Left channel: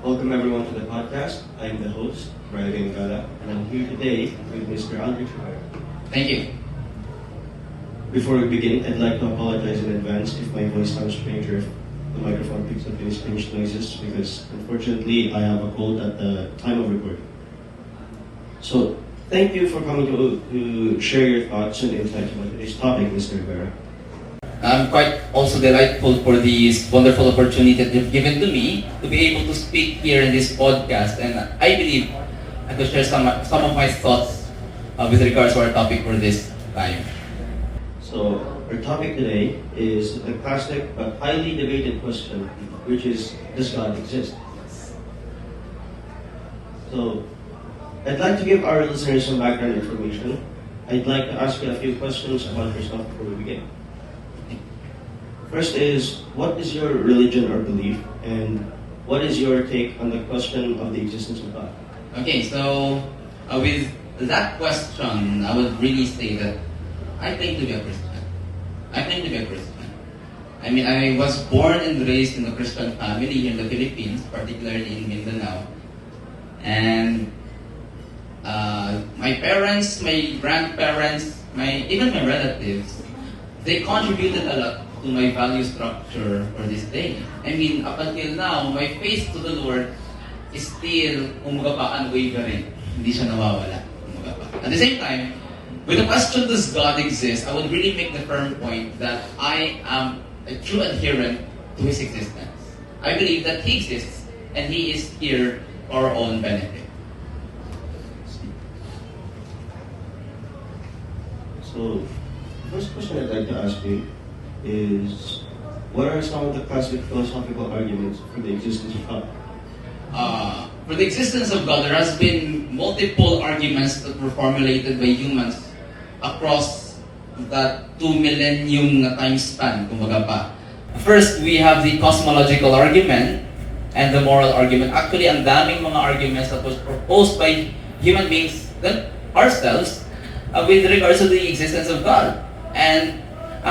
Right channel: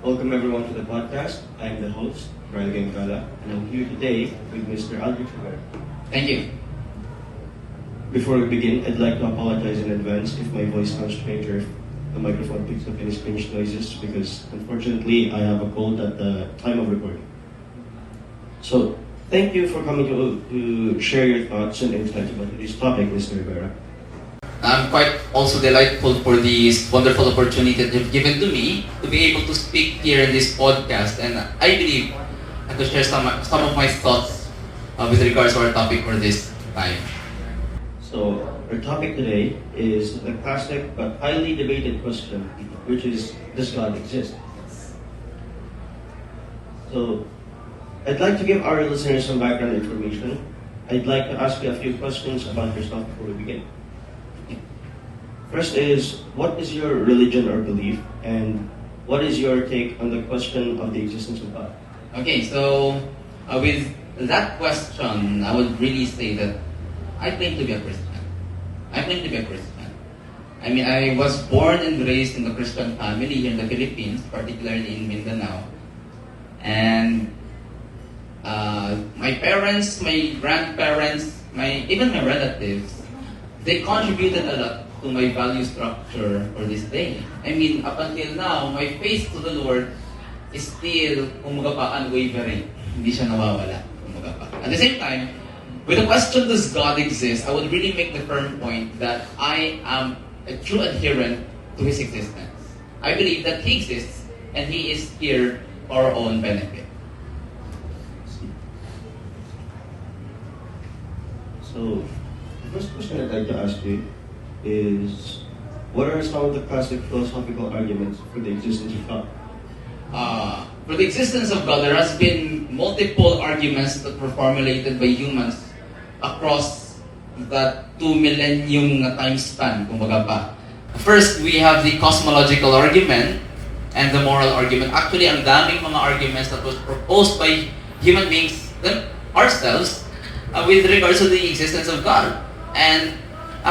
Welcome everyone to the podcast. I'm the host, Brian Gala, and I'm here today with Mr. Aldrich. Thank you. Before we begin, I'd like to apologize in advance if my voice sounds strange or if the microphone picks up any strange noises because unfortunately I have a cold at the time of recording. So, thank you for coming to share your thoughts and insights about this topic, Mr. Rivera. I'm quite also delightful for this wonderful opportunity that you've given to me to be able to speak here in this podcast, and I believe I could share some of my thoughts with regards to our topic for this time. So, our topic today is a classic but highly debated question, which is, does God exist? So, I'd like to give our listeners some background information. I'd like to ask you a few questions about yourself before we begin. First is, what is your religion or belief, and what is your take on the question of the existence of God? Okay, so with that question, I would really say that I claim to be a Christian. I mean, I was born and raised in a Christian family here in the Philippines, particularly in Mindanao. And my parents, my grandparents, even my relatives, they contributed a lot to my value structure for this day. I mean, up until now, my faith to the Lord is still, unwavering. Hindi siya nawawala. At the same time, with the question, does God exist, I would really make the firm point that I am a true adherent to His existence. I believe that He exists, and He is here for our own benefit. So, the first question I'd like to ask you is, what are some of the classic philosophical arguments for the existence of God? For the existence of God, there has been multiple arguments that were formulated by humans across that 2 millennium na time span, kumbaga pa. First, we have the cosmological argument and the moral argument. Actually, ang daming mga arguments that was proposed by human beings ourselves with regards to the existence of God. And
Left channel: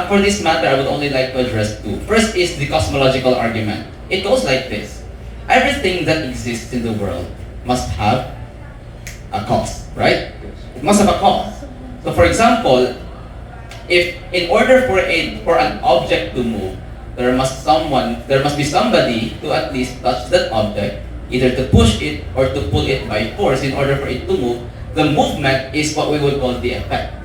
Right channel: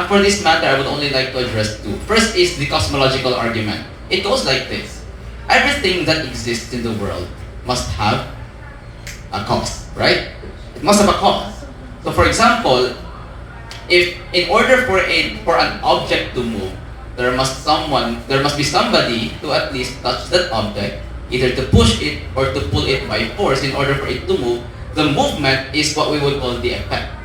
for this matter, I would only like to address two. First is the cosmological argument. It goes like this. Everything that exists in the world must have a cause, right? It must have a cause. So for example, if in order for an object to move, there must be somebody to at least touch that object, either to push it or to pull it by force in order for it to move. The movement is what we would call the effect.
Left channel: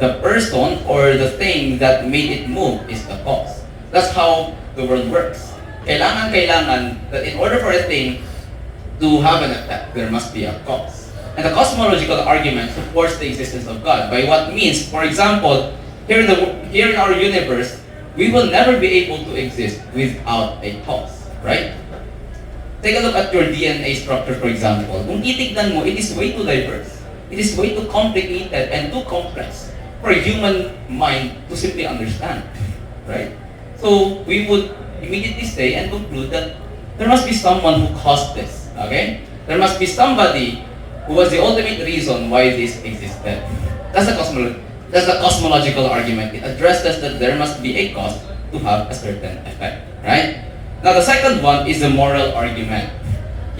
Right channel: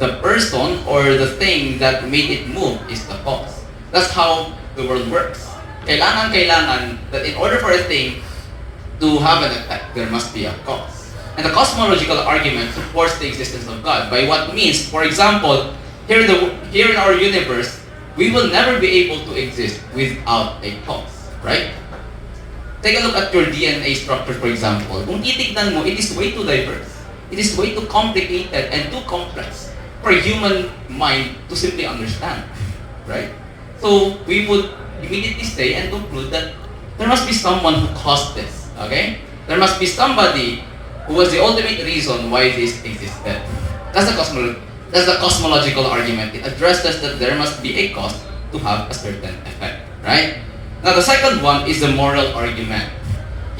The person or the thing that made it move is the cause. That's how the world works. Kailangan that in order for a thing to have an effect, there must be a cause. And the cosmological argument supports the existence of God by what means, for example, here in our universe, we will never be able to exist without a cause, right? Take a look at your DNA structure, for example. Kung titignan mo, it is way too diverse. It is way too complicated and too complex for a human mind to simply understand, right? So we would immediately say and conclude that there must be someone who caused this, okay? There must be somebody who was the ultimate reason why this existed. That's the cosmological argument. It addresses that there must be a cause to have a certain effect, right? Now the second one is the moral argument.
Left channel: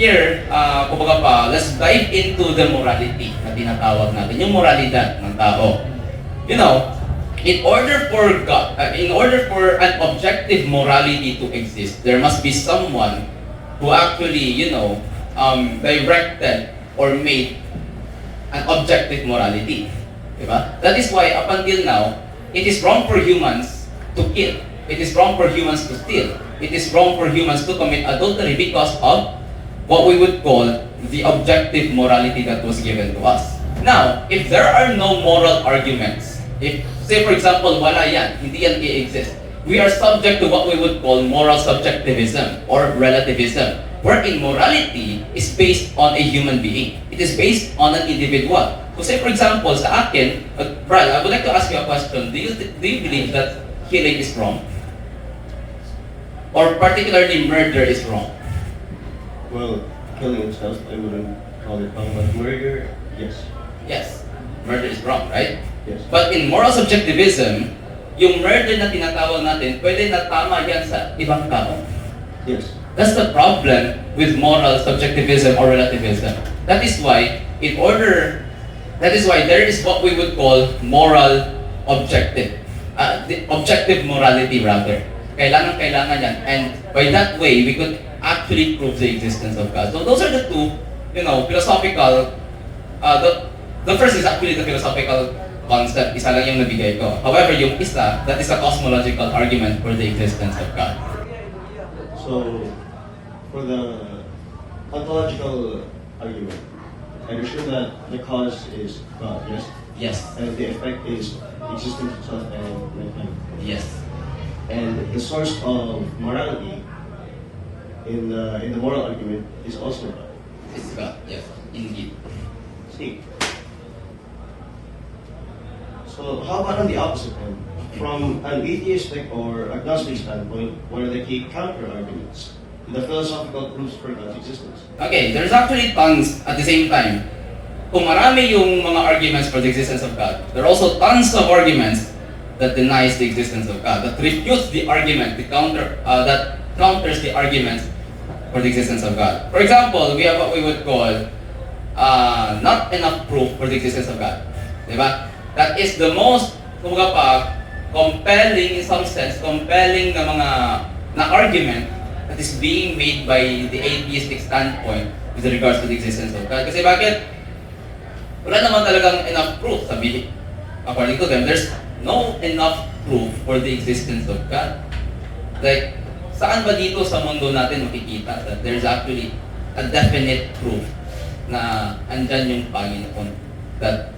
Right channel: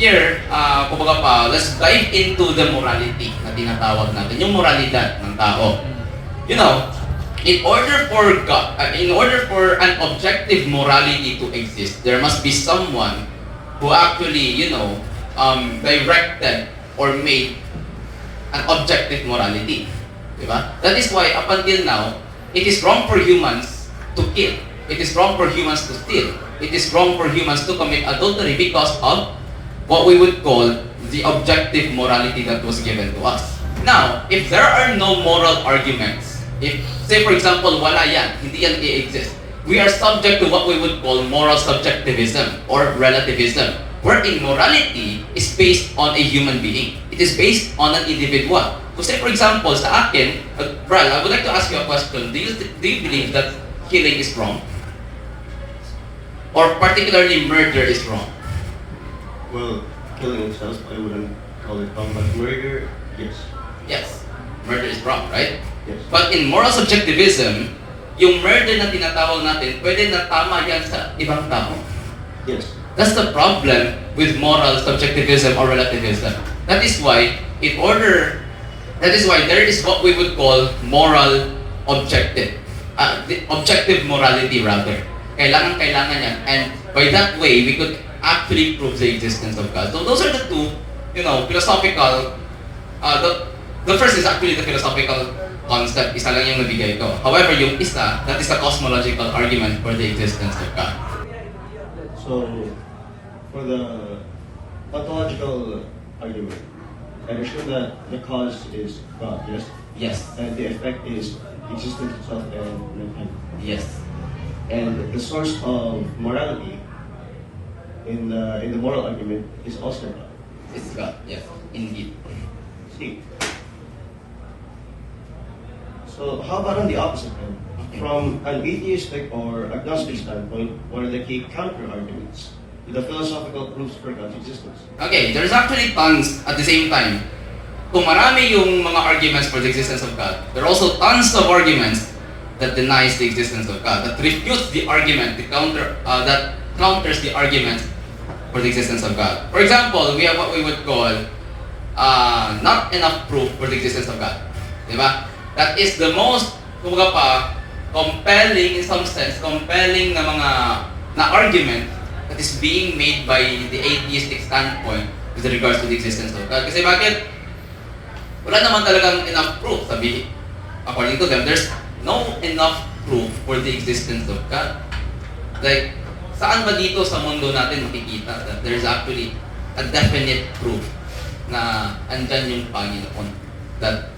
Here, let's dive into the morality na tinatawag natin, yung moralidad ng tao. You know, in order for an objective morality to exist, there must be someone who actually, directed or made an objective morality. Diba? That is why up until now, it is wrong for humans to kill. It is wrong for humans to steal. It is wrong for humans to commit adultery because of what we would call the objective morality that was given to us. Now, if there are no moral arguments, if, say for example, wala yan, hindi yan i-exist, we are subject to what we would call moral subjectivism or relativism, wherein morality is based on a human being. It is based on an individual. So say for example, sa akin, Bral, I would like to ask you a question. Do you believe that killing is wrong? Or particularly murder is wrong? Well, killing itself, I wouldn't call it wrong, but murder, yes. Yes, murder is wrong, right? Yes. But in moral subjectivism, yung murder na tinatawag natin, pwede na tama yan sa ibang tao. Yes. That's the problem with moral subjectivism or relativism. That is why there is what we would call moral objective. The objective morality rather. Kailangan yan. And by that way, we could actually prove the existence of God. So those are the two, philosophical, the first is actually the philosophical concept, isa lang yung nabigay ko. However, yung isa, that is a cosmological argument for the existence of God. So, for the ontological argument, I assume that the cause is God, yes? Yes. And the effect is existence itself and mankind. Yes. And the source of morality in the moral argument is also God. It's God, yes, indeed. See. So how about on the opposite end? From an atheistic or agnostic standpoint, what are the key counter-arguments to the philosophical proofs for God's existence? Okay, there's actually tons at the same time. Kung marami yung mga arguments for the existence of God, there are also tons of arguments that denies the existence of God, that refutes the argument, that counters the argument for the existence of God. For example, we have what we would call not enough proof for the existence of God. Diba? That is the most, kumbaga pa, compelling, in some sense, compelling na argument that is being made by the atheistic standpoint with regards to the existence of God. Kasi bakit? Wala naman talagang enough proof, sabi, according to them, there's no enough proof for the existence of God. Like, saan ba dito sa mundo natin makikita that there's actually a definite proof na andyan yung Panginoon? That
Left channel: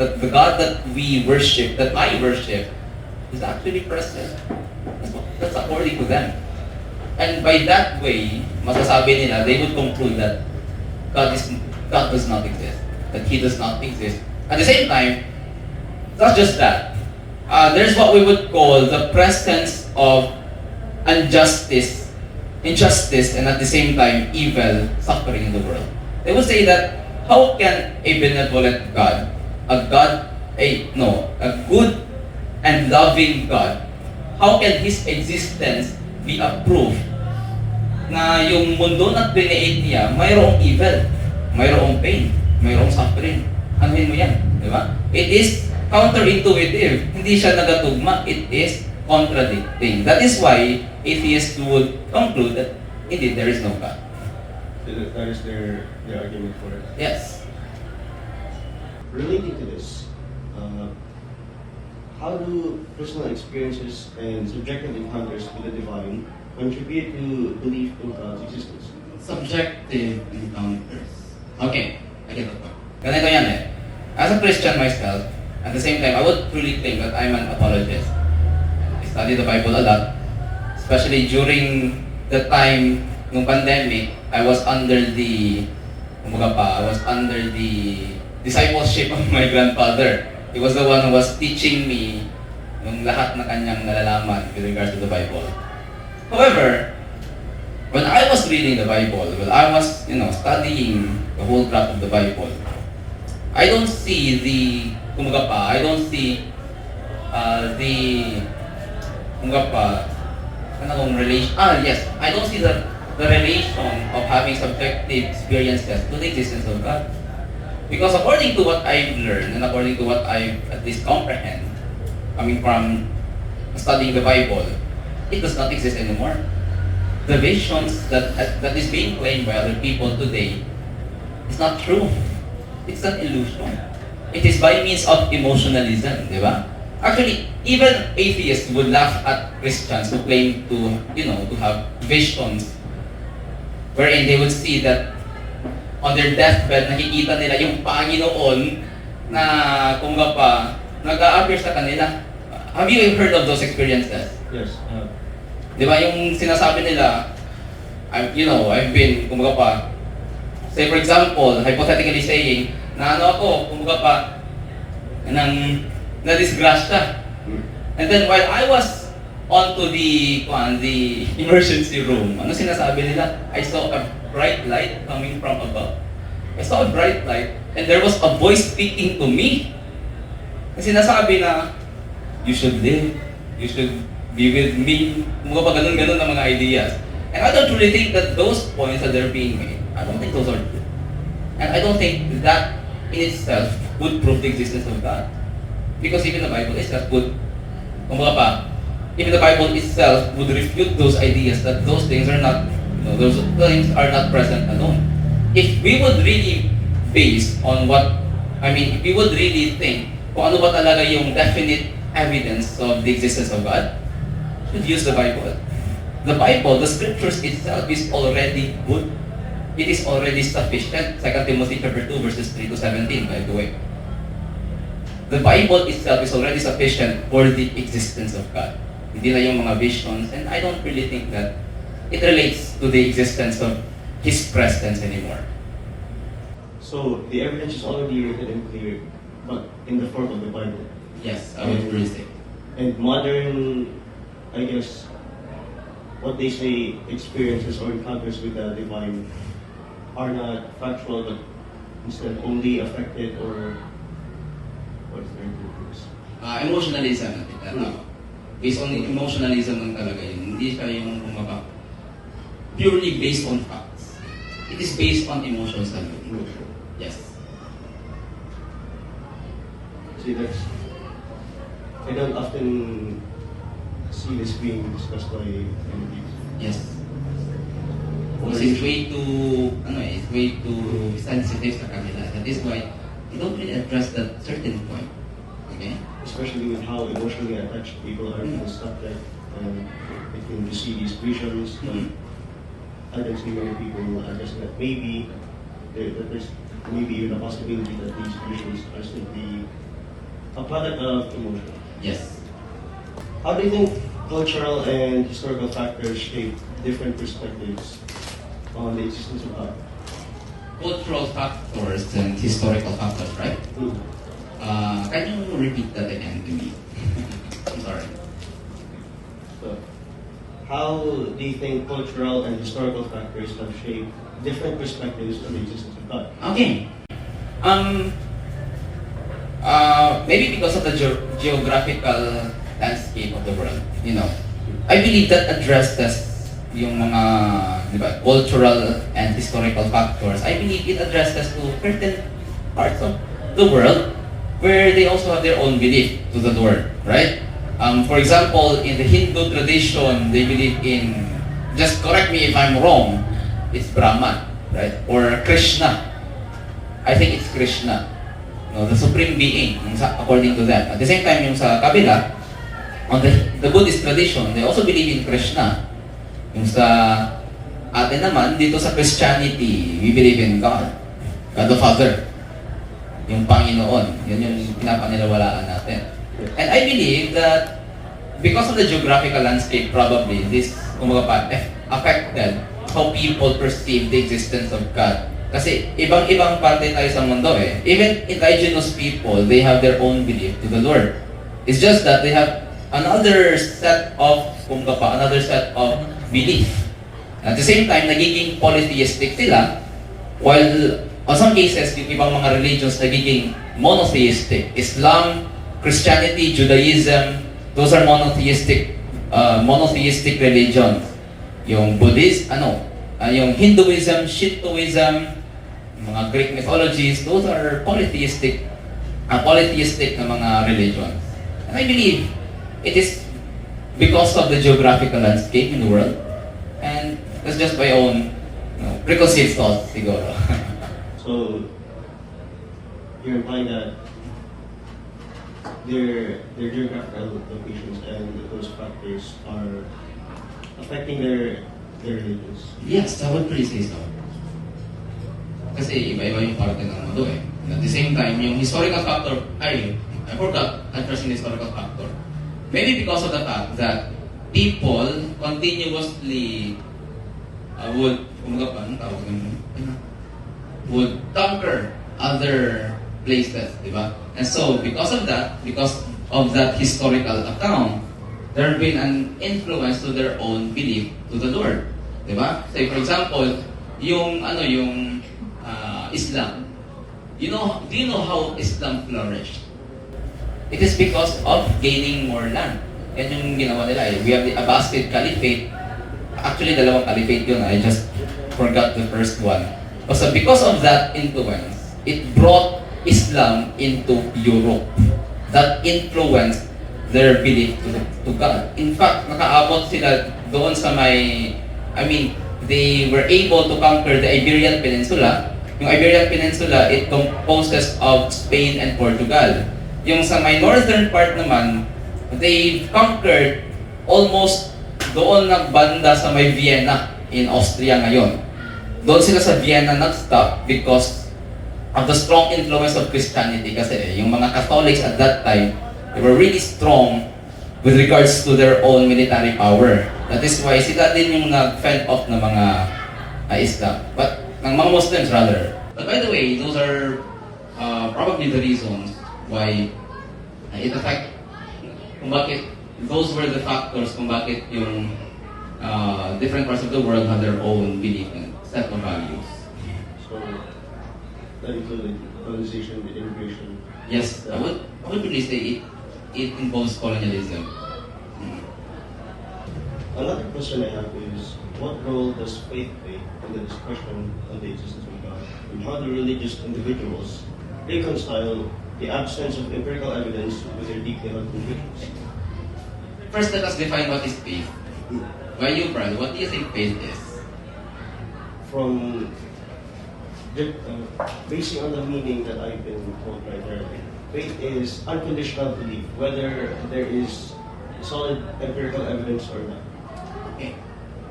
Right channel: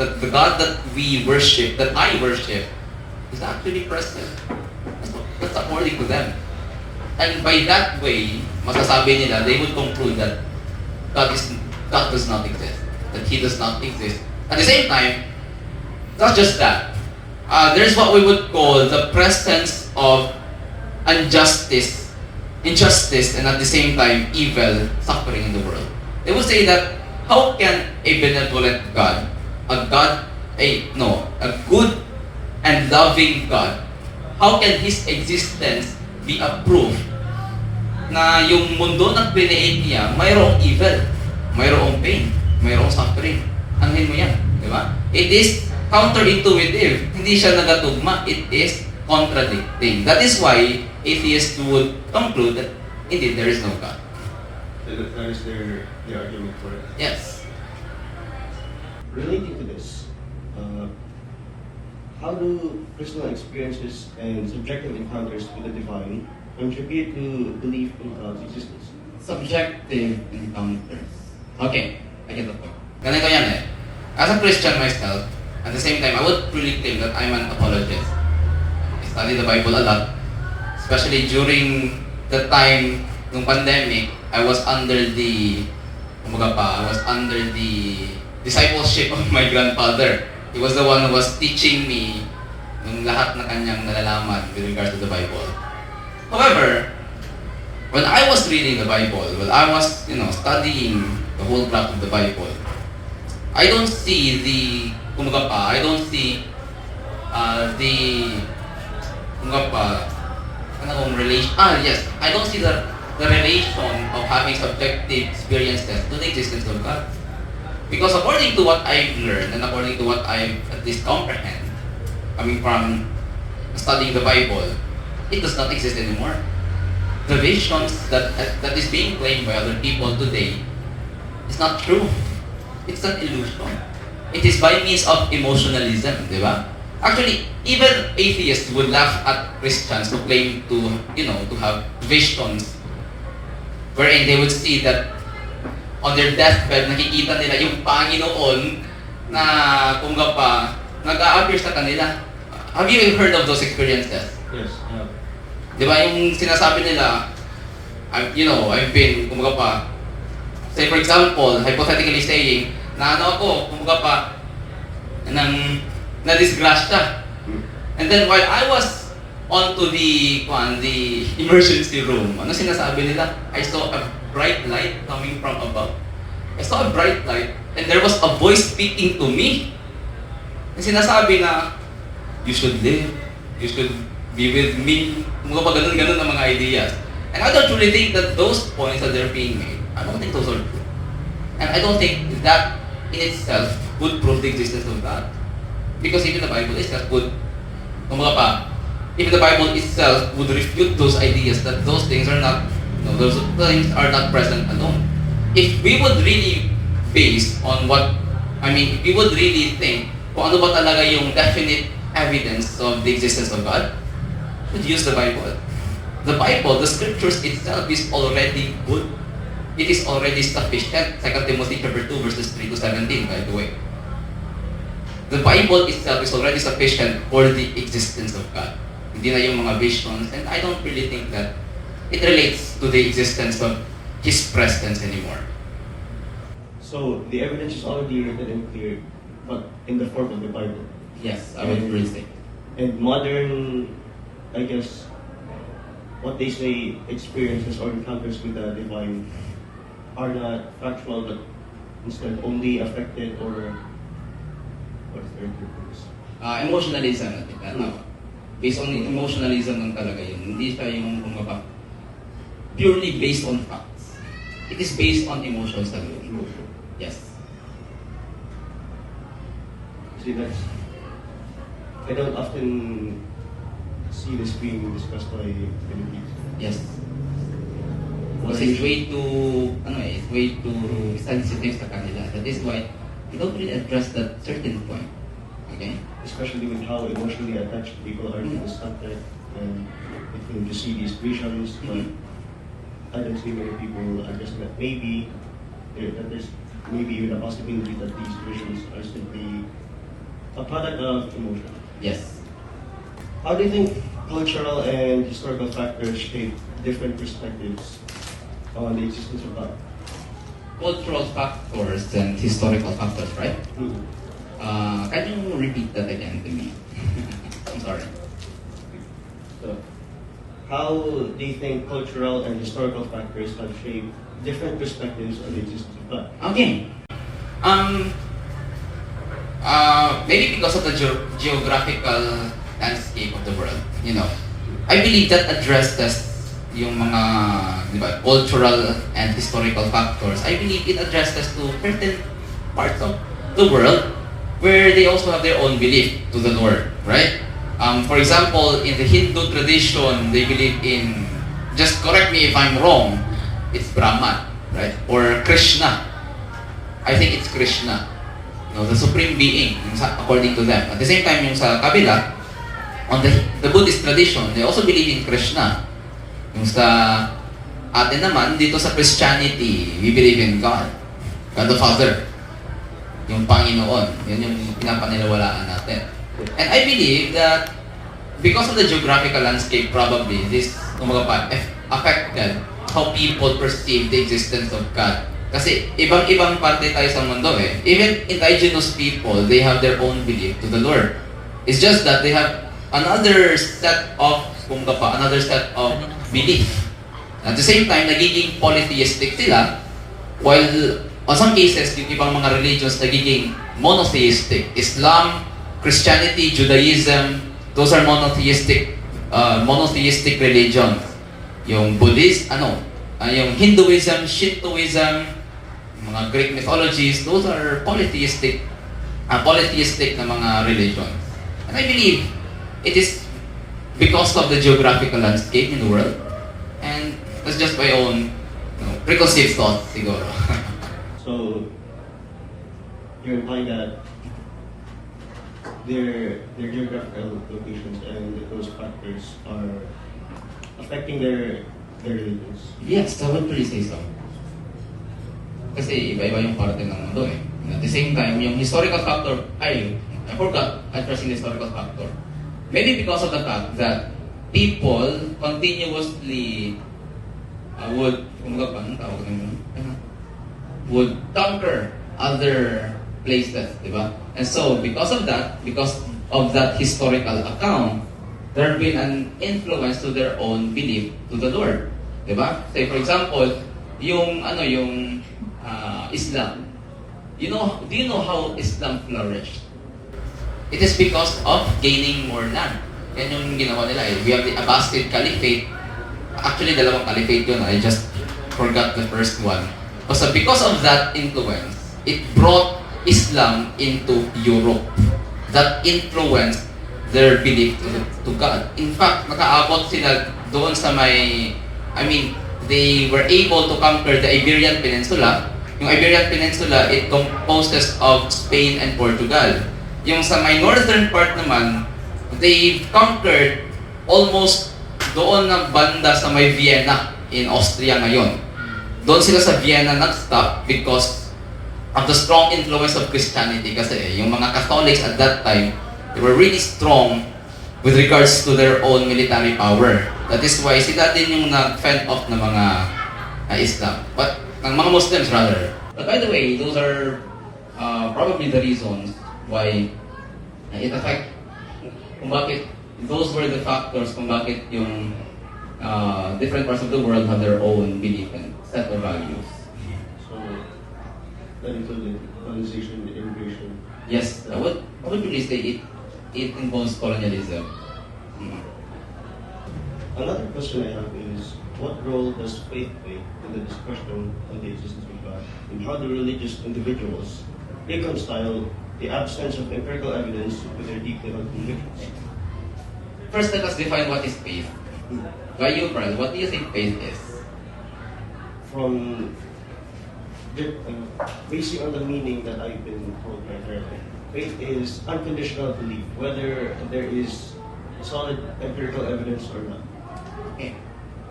the God that we worship, that I worship, is actually present. That's according to them. And by that way, masasabi nila, they would conclude that God does not exist. That He does not exist. At the same time, not just that. There's what we would call the presence of injustice, and at the same time, evil, suffering in the world. They would say that, how can a benevolent God, a good and loving God, how can His existence be a proof na yung mundo na create niya, mayroong evil, mayroong pain, mayroong suffering? Anuhin mo yan, di ba? It is counterintuitive. Hindi siya nagatugma. It is contradicting. That is why atheists would conclude that indeed there is no God. That is their argument for it. Yes. Relating to this, how do personal experiences and subjective encounters with the divine contribute to belief in God's existence? Subjective encounters. Okay, I get the point. Ganito yan eh. As a Christian myself, at the same time, I would truly claim that I'm an apologist. I study the Bible a lot, especially during the time ng pandemic. I was under the discipleship of my grandfather. He was the one who was teaching me yung lahat na kanyang nalalaman with regards to the Bible. However, when I was reading the Bible, when I was, studying the whole plot of the Bible, I don't see relation. I don't see the relation of having subjective experiences to the existence of God. Because according to what I've learned and according to what I at least comprehend, coming from studying the Bible, it does not exist anymore. The visions that is being claimed by other people today is not true. It's an illusion. It is by means of emotionalism, di ba? Actually, even atheists would laugh at Christians who claim to have visions wherein they would see that on their deathbed, nakikita nila yung Panginoon na nag-a-appear sa kanila. Have you heard of those experiences? Yes, I have. Di ba yung sinasabi nila, I've been, say for example, hypothetically saying, na na-disgrasya. And then while I was onto the emergency room, ano sinasabi nila? I saw a bright light coming from above. I saw a bright light and there was a voice speaking to me. And sinasabi na, you should live, you should be with me. Ganun ang mga ideas. And I don't really think that those points that they're being made, I don't think those are true. And I don't think that in itself would prove the existence of God. Because even the Bible itself would, kumbaga pa, even the Bible itself would refute those ideas that those things are not, those things are not present alone. If we would really base on what, if we would really think kung ano ba talaga yung definite evidence of the existence of God, we would use the Bible. The Bible, the scriptures itself is already good. It is already sufficient. 2 Timothy chapter 2 verses 3 to 17, by the way. The Bible itself is already sufficient for the existence of God. Hindi na yung mga visions, and I don't really think that it relates to the existence of His presence anymore. So the evidence is already written and clear, but in the form of the Bible. Yes, I would really say. And modern, I guess, what they say, experiences or encounters with the divine are not factual, but instead only affected or what's the word for this? Emotionalism. Based on emotionalism lang talaga yun. Hindi siya yung kumbaga purely based on facts. It is based on emotions alone. Yes. See, that's, I don't often see this being discussed by MPs. Yes. Because it's way too, it's way too sensitive sa kanila. That is why they don't really address that certain point. Okay? Especially with how emotionally attached people are to the subject, and they can to see these visions. I don't see many people addressing that. Maybe that there's maybe even a possibility that these visions are simply a product of emotion. Yes. How do you think cultural and historical factors shape different perspectives on the existence of God? Cultural factors and historical factors, right? Mm-hmm. Can you repeat that again to me? I'm sorry. So, how do you think cultural and historical factors have shaped different perspectives on the existence of God? Okay. Maybe because of the geographical landscape of the world, I believe that addresses yung mga, di ba, cultural and historical factors. I believe it addresses to certain parts of the world where they also have their own belief to the Lord, right? For example, in the Hindu tradition, they believe in, just correct me if I'm wrong, it's Brahman, right? Or Krishna. I think it's Krishna, the supreme being, according to them. At the same time, yung sa kabila, on the Buddhist tradition, they also believe in Krishna. Yung sa atin naman, dito sa Christianity, we believe in God. God the Father. Yung Panginoon. Yun yung pinapaniwalaan natin. And I believe that because of the geographical landscape, probably, this affected how people perceive the existence of God. Kasi ibang-ibang parte tayo sa mundo eh. Even indigenous people, they have their own belief to the Lord. It's just that they have another set of belief. At the same time, nagiging polytheistic sila, while on some cases, yung ibang mga religions nagiging monotheistic. Islam, Christianity, Judaism, those are monotheistic religions. Yung Buddhist, yung Hinduism, Shintoism, mga Greek mythologies, those are polytheistic na mga religions. And I believe it is because of the geographical landscape in the world, and that's just my own preconceived thoughts, siguro. So, you're implying that their geographical locations and those factors are affecting their religions. Yes, I would really say so. Kasi iba-iba yung parte ng mundo eh. At the same time, yung historical factor, I forgot addressing the historical factor. Maybe because of the fact that people continuously would conquer other places, di ba? And so, because of that historical account, there have been an influence to their own belief to the Lord, di ba? Say, for example, yung Islam. Do you know how Islam flourished? It is because of gaining more land. Yan yung ginawa nila eh. We have the Abbasid Caliphate. Actually, dalawang caliphate yun. I just forgot the first one. So because of that influence, it brought Islam into Europe. That influenced their belief to God. In fact, nakaabot sila doon sa may, they were able to conquer the Iberian Peninsula. Yung Iberian Peninsula, it composes of Spain and Portugal. Yung sa may northern part naman, they conquered almost doon na banda sa may Vienna in Austria ngayon. Doon sila sa Vienna nag-stop because of the strong influence of Christianity. Kasi yung mga Catholics at that time, they were really strong with regards to their own military power. That is why sila din yung nag-fend off ng mga Islam. But, ng mga Muslims rather. But by the way, those are probably the reasons why it affects, kung bakit, those were the factors kung bakit yung different parts of the world have their own belief and set of values. So, that included colonization, immigration. Yes, I would really say it involves colonialism. Another question I have is, what role does faith play in the discussion of the existence of God? And how do religious individuals reconcile the absence of empirical evidence with their deeply held convictions? First, let us define what is faith. By you, Brad, what do you think faith is? From basing on the meaning that I've been told right there, faith is unconditional belief, whether there is solid empirical evidence or not. Okay.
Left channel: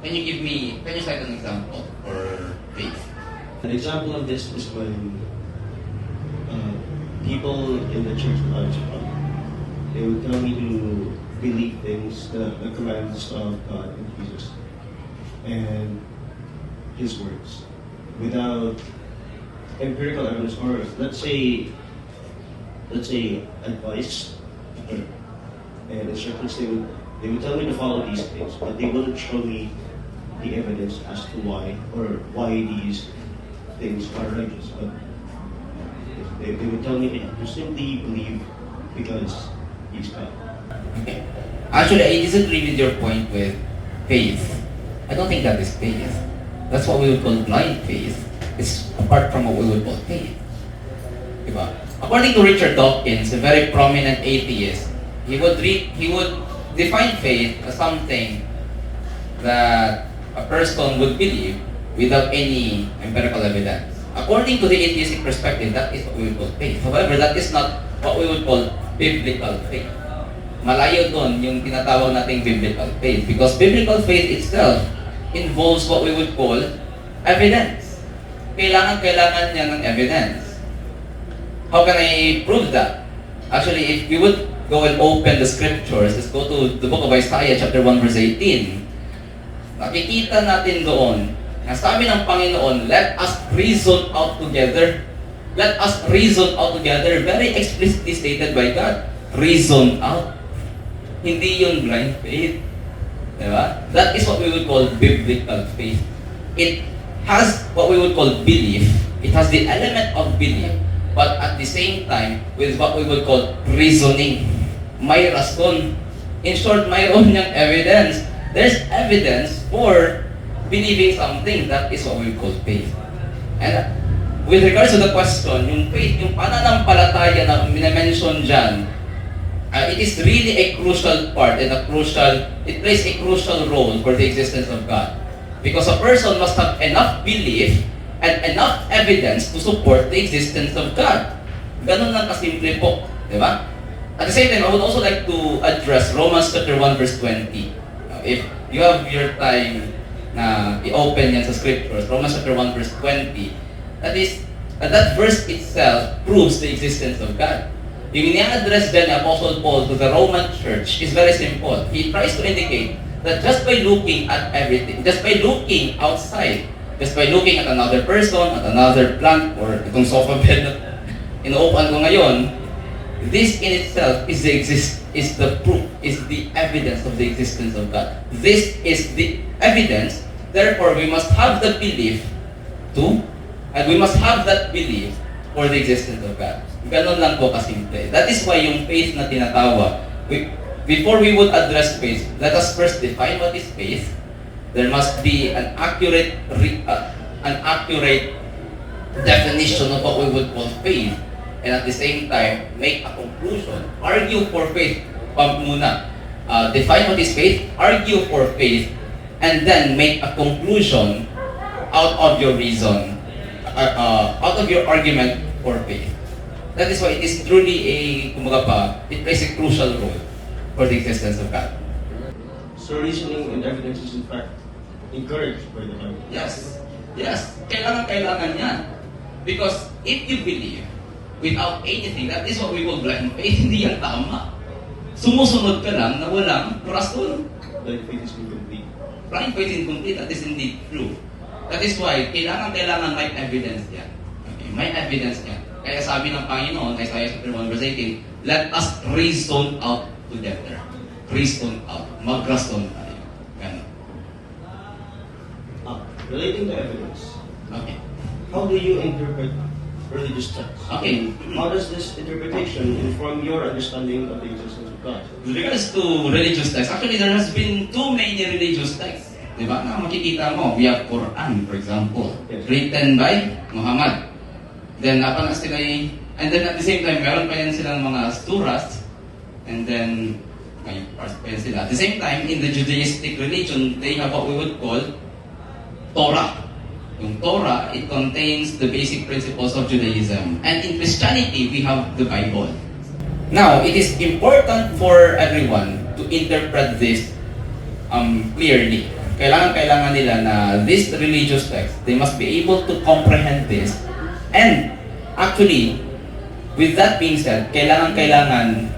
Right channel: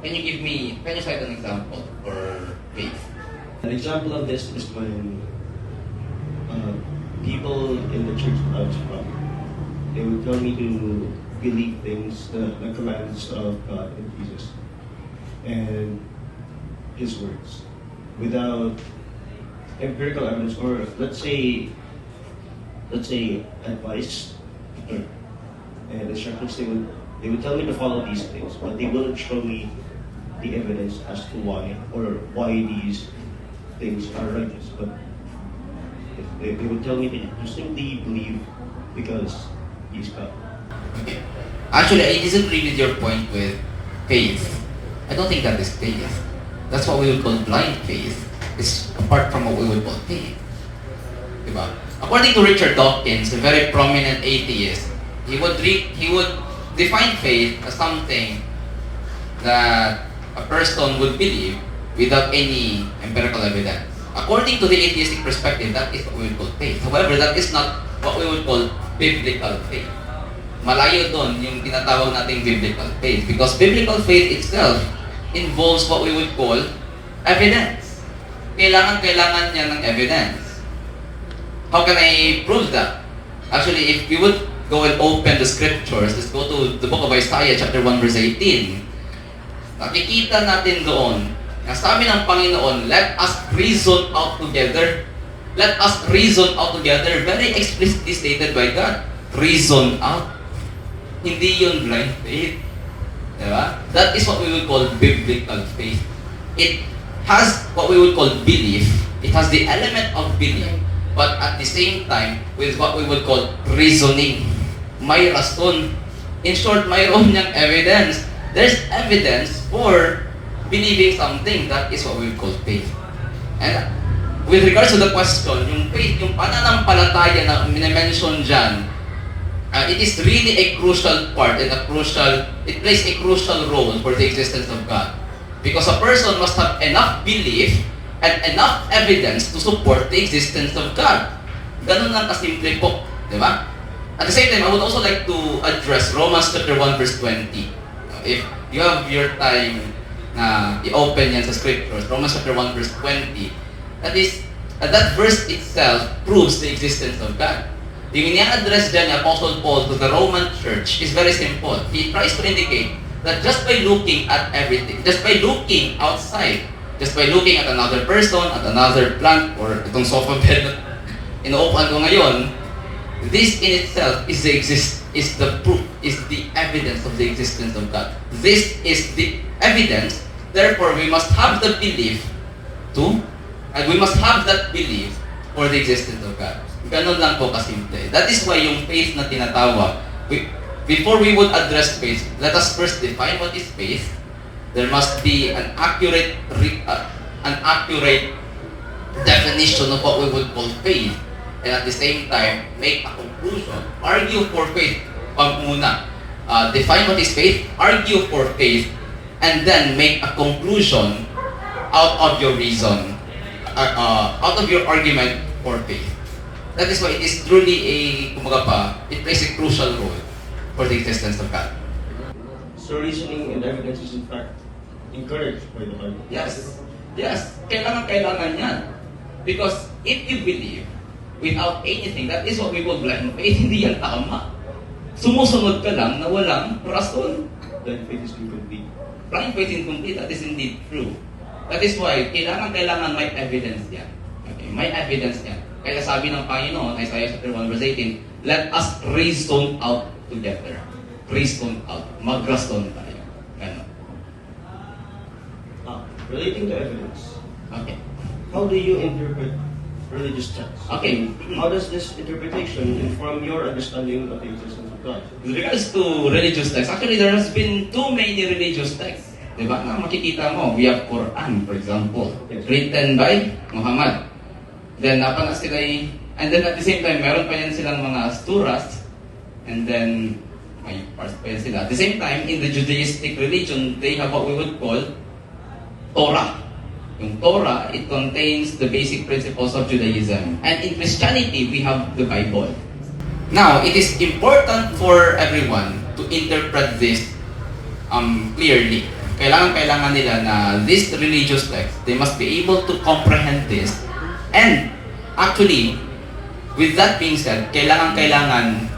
Can you cite an example for faith? An example of this is when people in the church of Algebra, they would tell me to believe things, the commands of God and Jesus, and His words, without empirical evidence, or let's say advice and instructions. They would tell me to follow these things, but they wouldn't show me the evidence as to why these things are righteous. But they would tell me to simply believe because He's God. Okay. Actually, I disagree with your point with faith. I don't think that is faith. That's what we would call blind faith. It's apart from what we would call faith. Diba? According to Richard Dawkins, a very prominent atheist, he would define faith as something that a person would believe without any empirical evidence. According to the atheistic perspective, that is what we would call faith. However, that is not what we would call biblical faith. Malayo doon yung tinatawag nating biblical faith, because biblical faith itself involves what we would call evidence. Kailangan niya ng evidence. How can I prove that? Actually, if we would go and open the scriptures, let's go to the book of Isaiah chapter 1 verse 18. Nakikita natin doon, ang sabi ng Panginoon, let us reason out together. Let us reason out together. Very explicitly stated by God. Reason out. Hindi yun blind faith. Diba? That is what we would call biblical faith. It has what we would call belief. It has the element of belief, but at the same time, with what we would call reasoning. May rason. In short, mayroon niyang evidence. There's evidence for believing something. That is what we would call faith. And with regards to the question, yung faith, yung pananampalataya na minamention dyan, it is really a crucial part and it plays a crucial role for the existence of God. Because a person must have enough belief and enough evidence to support the existence of God. Ganun lang kasimple po. Di ba? At the same time, I would also like to address Romans chapter 1 verse 20. If you have your time na i-open yan sa scriptures, Romans chapter 1 verse 20, that verse itself proves the existence of God. Yung ini-address dyan ni Apostle Paul to the Roman church is very simple. He tries to indicate that just by looking at everything, just by looking outside, just by looking at another person, at another plant, or itong sofa bed na inuupuan ko ngayon, this in itself is the proof, is the evidence of the existence of God. This is the evidence, therefore we must have the belief and we must have that belief for the existence of God. Ganon lang po kasimple. That is why yung faith na tinatawag, before we would address faith, let us first define what is faith, There must be an accurate definition of what we would call faith, and at the same time make a conclusion. Argue for faith muna. Define what is faith, argue for faith, and then make a conclusion out of your reason, out of your argument for faith. That is why it is truly it plays a crucial role for the existence of God. So reasoning and evidence is in fact encouraged by the Bible. Yes. Yes. Kailangan yan. Because if you believe without anything, that is what we call blind faith. Hindi yan tama. Sumusunod ka lang na walang rason. Blind faith is incomplete. Blind faith is incomplete. That is indeed true. That is why kailangan may evidence yan. Okay? May evidence yan. Kaya sabi ng Panginoon, Isaiah 1 verse 18, let us reason out together. Reason out. Mag-rason tayo. Ganon. Relating to evidence, Okay. how do you interpret religious texts? Okay. How does this interpretation inform your understanding of the existence of God? With regards to religious texts, actually there has been too many religious texts. Diba? Na makikita mo, we have Quran, for example, Yes. written by Muhammad. Then, and then at the same time, meron pa yan silang mga suras, and then, may parts pa yan sila. At the same time, in the Judaistic religion, they have what we would call Torah. Yung Torah, it contains the basic principles of Judaism. And in Christianity, we have the Bible. Now, it is important for everyone to interpret this clearly. Kailangan nila na this religious text, they must be able to comprehend this. And actually, with that being said, kailangan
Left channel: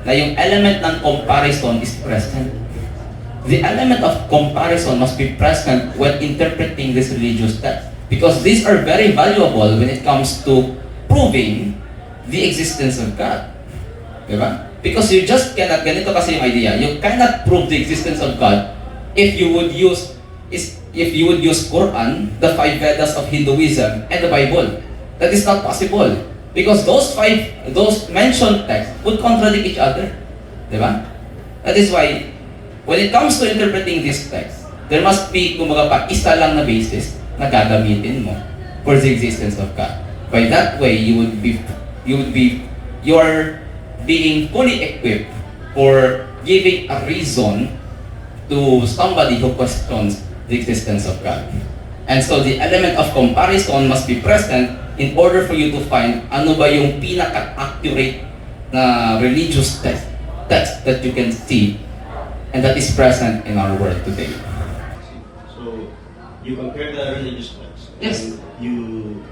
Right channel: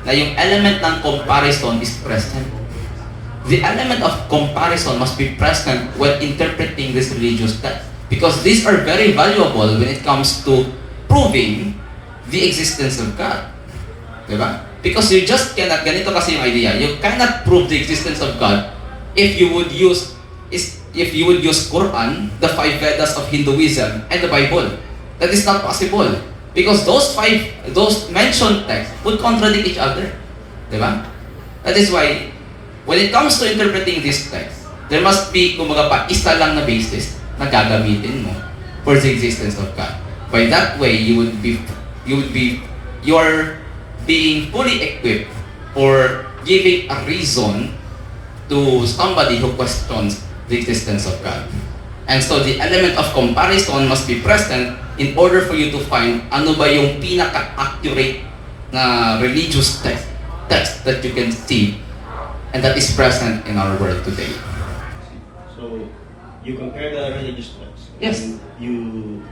na yung element ng comparison is present. The element of comparison must be present when interpreting this religious text. Because these are very valuable when it comes to proving the existence of God. Diba? Because you just cannot, ganito kasi yung idea, you cannot prove the existence of God if you would use Quran, the 5 Vedas of Hinduism, and the Bible. That is not possible. Because those mentioned texts would contradict each other. Diba? That is why, when it comes to interpreting this text, there must be, isa lang na basis na gagamitin mo for the existence of God. By that way, you're being fully equipped for giving a reason to somebody who questions the existence of God. And so the element of comparison must be present in order for you to find ano ba yung pinaka-accurate na religious text that you can see and that is present in our world today. So, you compare the religious texts. Yes. And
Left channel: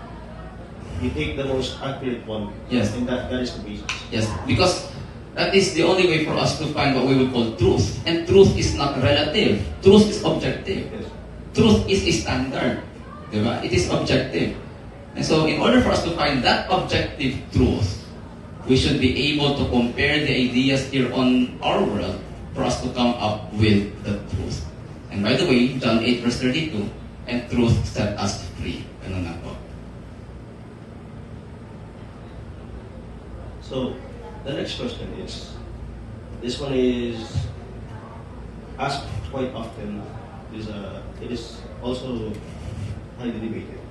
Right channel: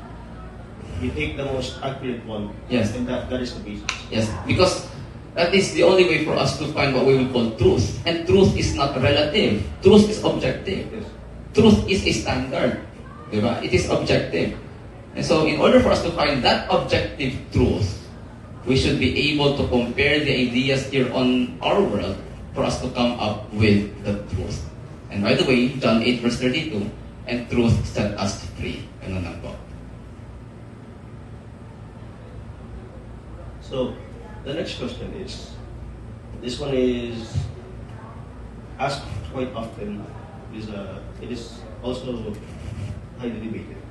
you take the most accurate one. Yes. And that is the basis. Yes, because that is the only way for us to find what we would call truth. And truth is not relative. Truth is objective. Yes. Truth is a standard. Diba? It is objective. And so, in order for us to find that objective truth, we should be able to compare the ideas here on our world for us to come up with the truth. And by the way, John 8 verse 32, and truth set us free. Ano na po? So, the next question is, this one is asked quite often. It is also highly debated.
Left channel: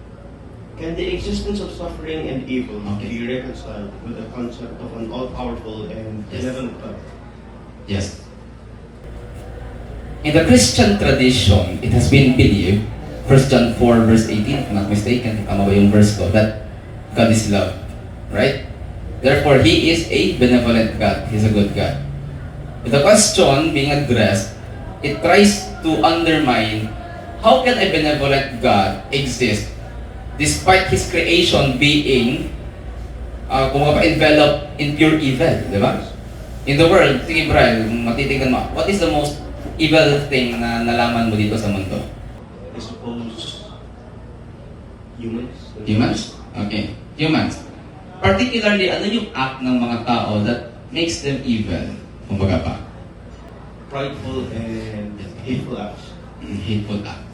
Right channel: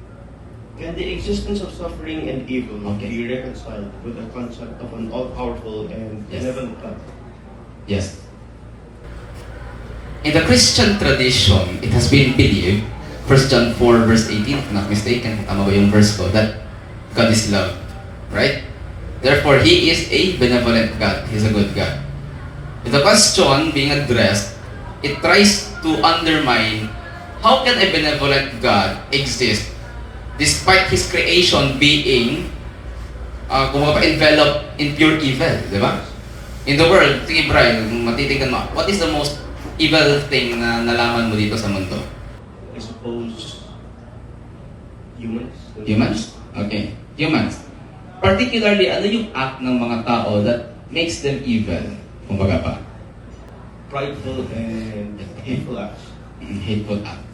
Can the existence of suffering and evil be reconciled with the concept of an all-powerful and benevolent God? Yes. In the Christian tradition, it has been believed, 1 John 4 verse 18, if I'm not mistaken, tama ba yung verse ko, that God is love. Right? Therefore, He is a benevolent God. He's a good God. With the question being addressed, it tries to undermine how can a benevolent God exist despite His creation being enveloped in pure evil, di ba? In the world, sige Brian, matitignan mo, what is the most evil thing na nalaman mo dito sa mundo? I suppose humans. Humans? Okay. Humans. Particularly, ano yung act ng mga tao that makes them evil? Kumbaga pa. Prideful and hateful acts. Hateful acts.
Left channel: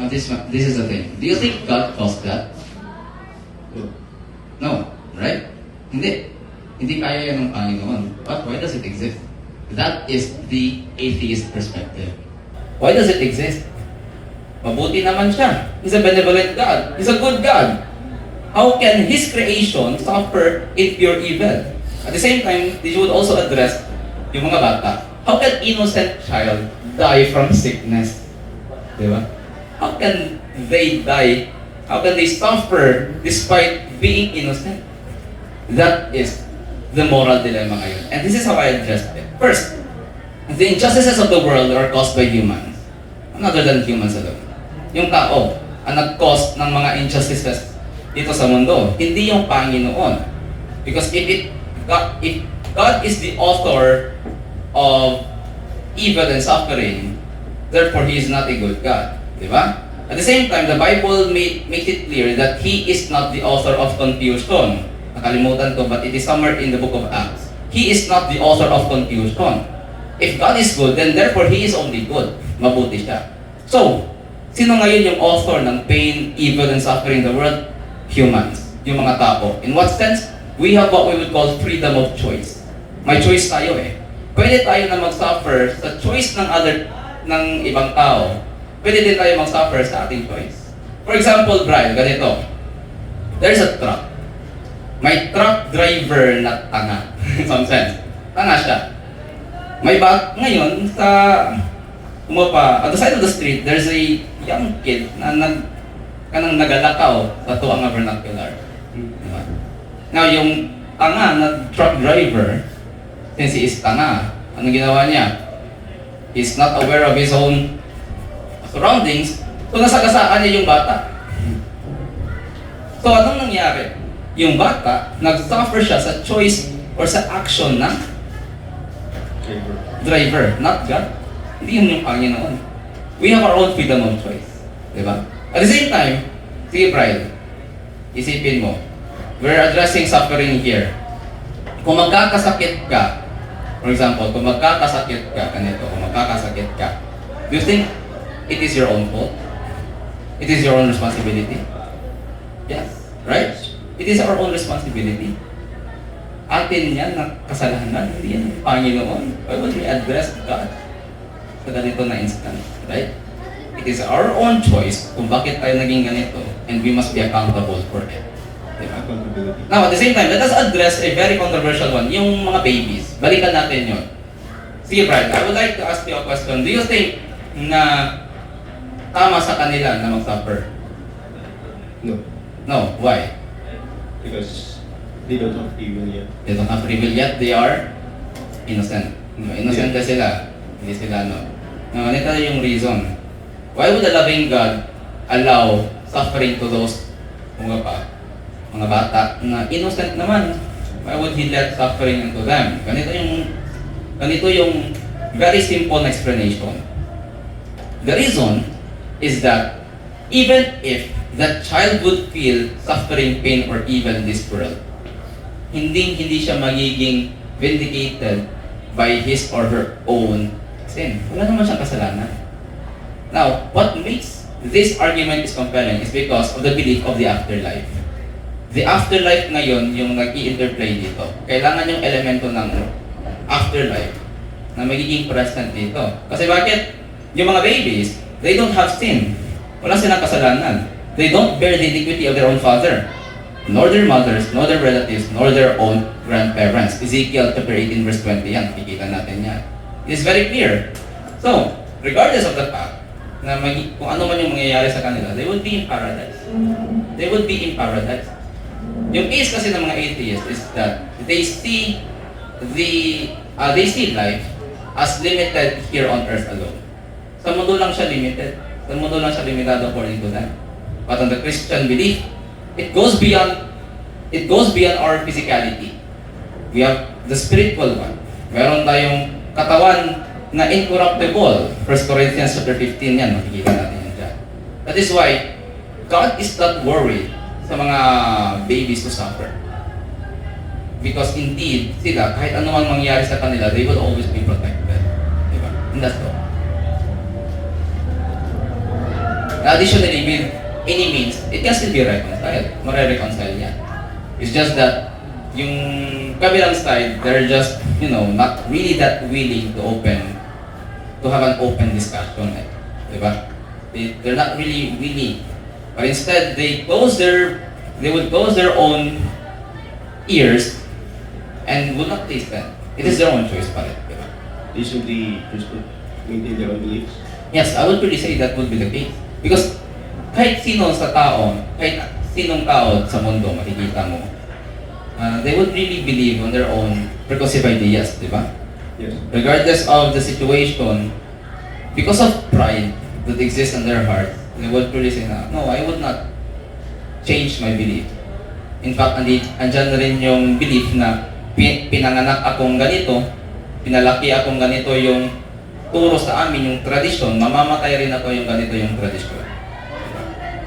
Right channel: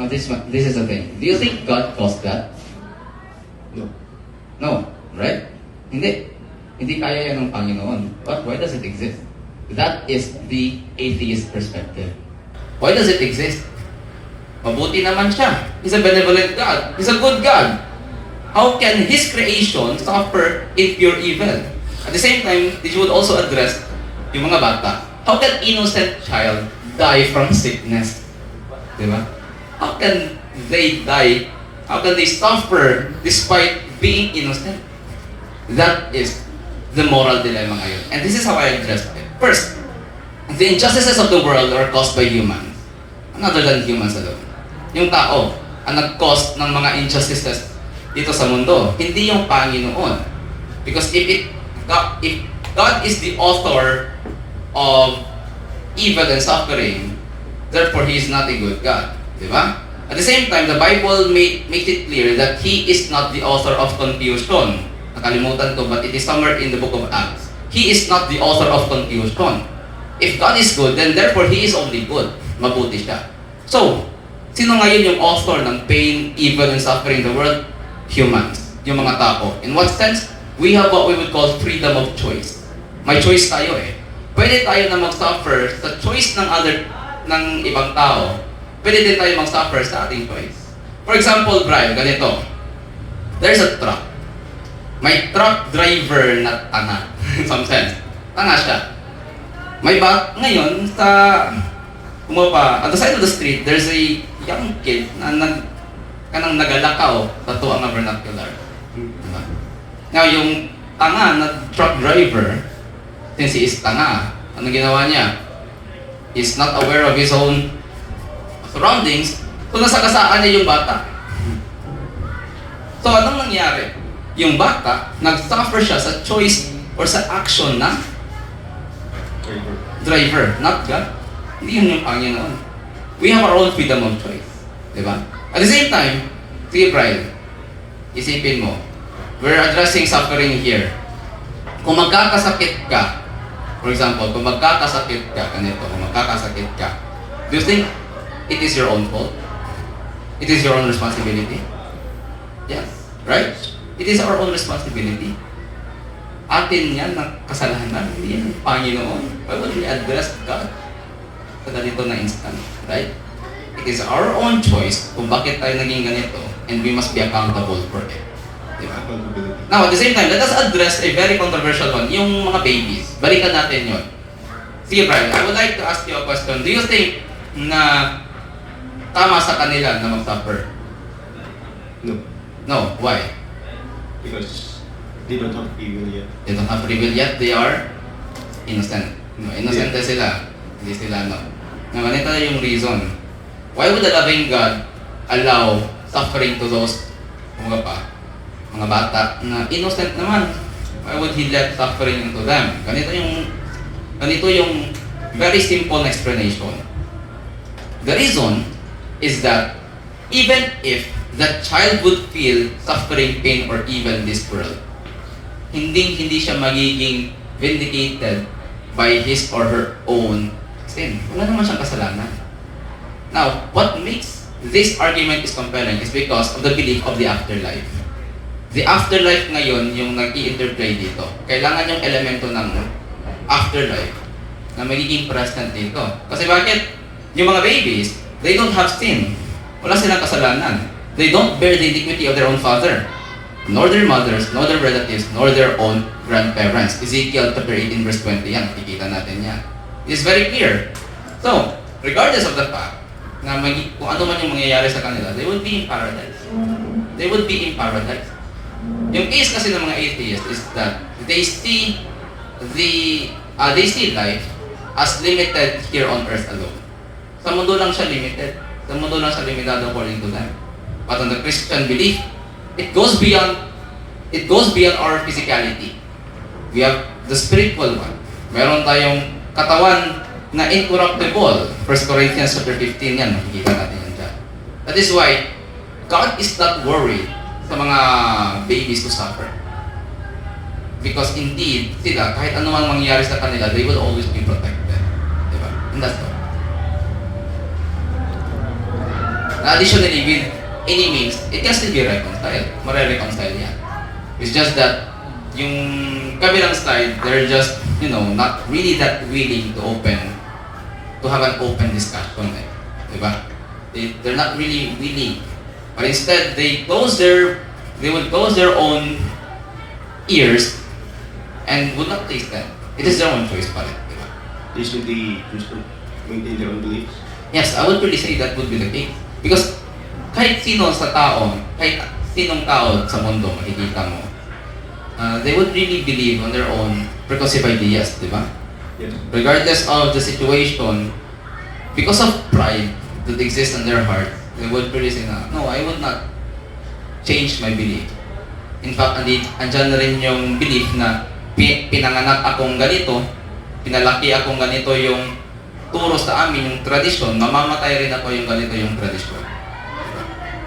Now this is the thing. Do you think God caused that? No. No. Right? Hindi. Hindi kaya yan ng Panginoon. But why does it exist? That is the atheist perspective. Why does it exist? Mabuti naman siya. He's a benevolent God. He's a good God. How can His creation suffer in pure evil? At the same time, they would also address yung mga bata. How can innocent child die from sickness? Diba? How can they die? How can they suffer despite being innocent? That is the moral dilemma ngayon. And this is how I address it. First, the injustices of the world are caused by humans. Other than humans alone. Yung tao ang nag-cause ng mga injustices dito sa mundo. Hindi yung Panginoon. Because if God is the author of evil and suffering, therefore He is not a good God. Diba? At the same time, the Bible makes it clear that He is not the author of confusion. Nakalimutan ko, but it is somewhere in the book of Acts. He is not the author of confusion. If God is good, then therefore He is only good. Mabuti siya. So, sino ngayon yung author ng pain, evil, and suffering in the world? Humans. Yung mga tao. In what sense? We have what we would call freedom of choice. May choice tayo eh. Pwede tayo na mag-suffer sa choice ng ibang tao. Pwede din tayo mag-suffer sa ating choice. For example, Brian, ganito. There's a truck. May truck driver na tanga. In some sense. Tanga siya. Ngayon, at the side of the street, there's a young kid na nagalakaw sa tuwang vernacular. Diba? Now, yung tanga na truck driver, since he is tanga, anong ginawa niya? He's not aware of his own surroundings, so nasagasaan niya yung bata. So, anong nangyari? Yung bata, nag-suffer siya sa choice or sa action ng driver, not God. Hindi yun yung Panginoon. We have our own freedom of choice. Diba? At the same time, sige Brian, isipin mo, we're addressing suffering here. Kung magkakasakit ka, for example, kung magkakasakit ka, do you think it is your own fault? It is your own responsibility? Yes. Right? It is our own responsibility. Atin yan na kasalanan, hindi yan ang Panginoon. Why would we address God sa ganito na instant? Right? It is our own choice kung bakit tayo naging ganito, and we must be accountable for it. Diba? Now, at the same time, let us address a very controversial one, yung mga babies. Balikan natin yun. Sige, Brian, I would like to ask you a question. Do you think na tama sa kanila na mag-suffer? No. No. Why? Because they don't have free will yet. They don't have free will yet. They are innocent. No, innocent na sila. Hindi sila, no. Ngayon, ito yung reason. Why would a loving God allow suffering to those mga bata na innocent naman? Why would He let suffering into them? Ganito yung very simple explanation. The reason is that even if that child would feel suffering, pain, or evil in this world, hindi siya magiging vindicated by his or her own sin. Wala naman siyang kasalanan. Now, what makes this argument is compelling is because of the belief of the afterlife. The afterlife ngayon yung nag-i-interplay dito. Kailangan yung elemento ng afterlife na magiging present dito. Kasi bakit? Yung mga babies, they don't have sin. Wala silang kasalanan. They don't bear the iniquity of their own father, nor their mothers, nor their relatives, nor their own grandparents. Ezekiel chapter 18 verse 20, yan, nakikita natin yan. It's very clear. So, regardless of the fact na kung ano man yung mangyayari sa kanila, they would be in paradise. They would be in paradise. Yung case kasi ng mga atheists is that they see life as limited here on earth alone. Sa mundo lang siya limited. Sa mundo lang siya limitado according to them. But on the Christian belief, it goes beyond our physicality. We have the spiritual one. Meron tayong katawan na incorruptible. 1 Corinthians chapter 15 yan, makikita natin yan dyan. That is why God is not worried sa mga babies to suffer. Because indeed, sila, kahit ano man mangyayari sa kanila, they will always be protected. Diba? And that's all. Additionally, with any means, it can still be reconciled. Mare-reconcile yan. It's just that yung kabilang side, they're just, not really that willing to have an open discussion. Diba? They're not really willing. But instead, they would close their own ears and would not taste them. It is their own choice pa rin, di ba? They simply just maintain their own beliefs. Yes, I would really say that would be the case. Because kahit sino sa tao, kahit sinong tao sa mundo makikita mo, they would really believe on their own preconceived ideas, di ba? Yes. Regardless of the situation, because of pride that exists in their heart, they would really say na, no, I would not change my belief. In fact, andyan na rin yung belief na pinanganak akong ganito, pinalaki akong ganito yung turo sa amin, yung tradisyon, mamamatay rin ako yung ganito yung tradisyon. Diba?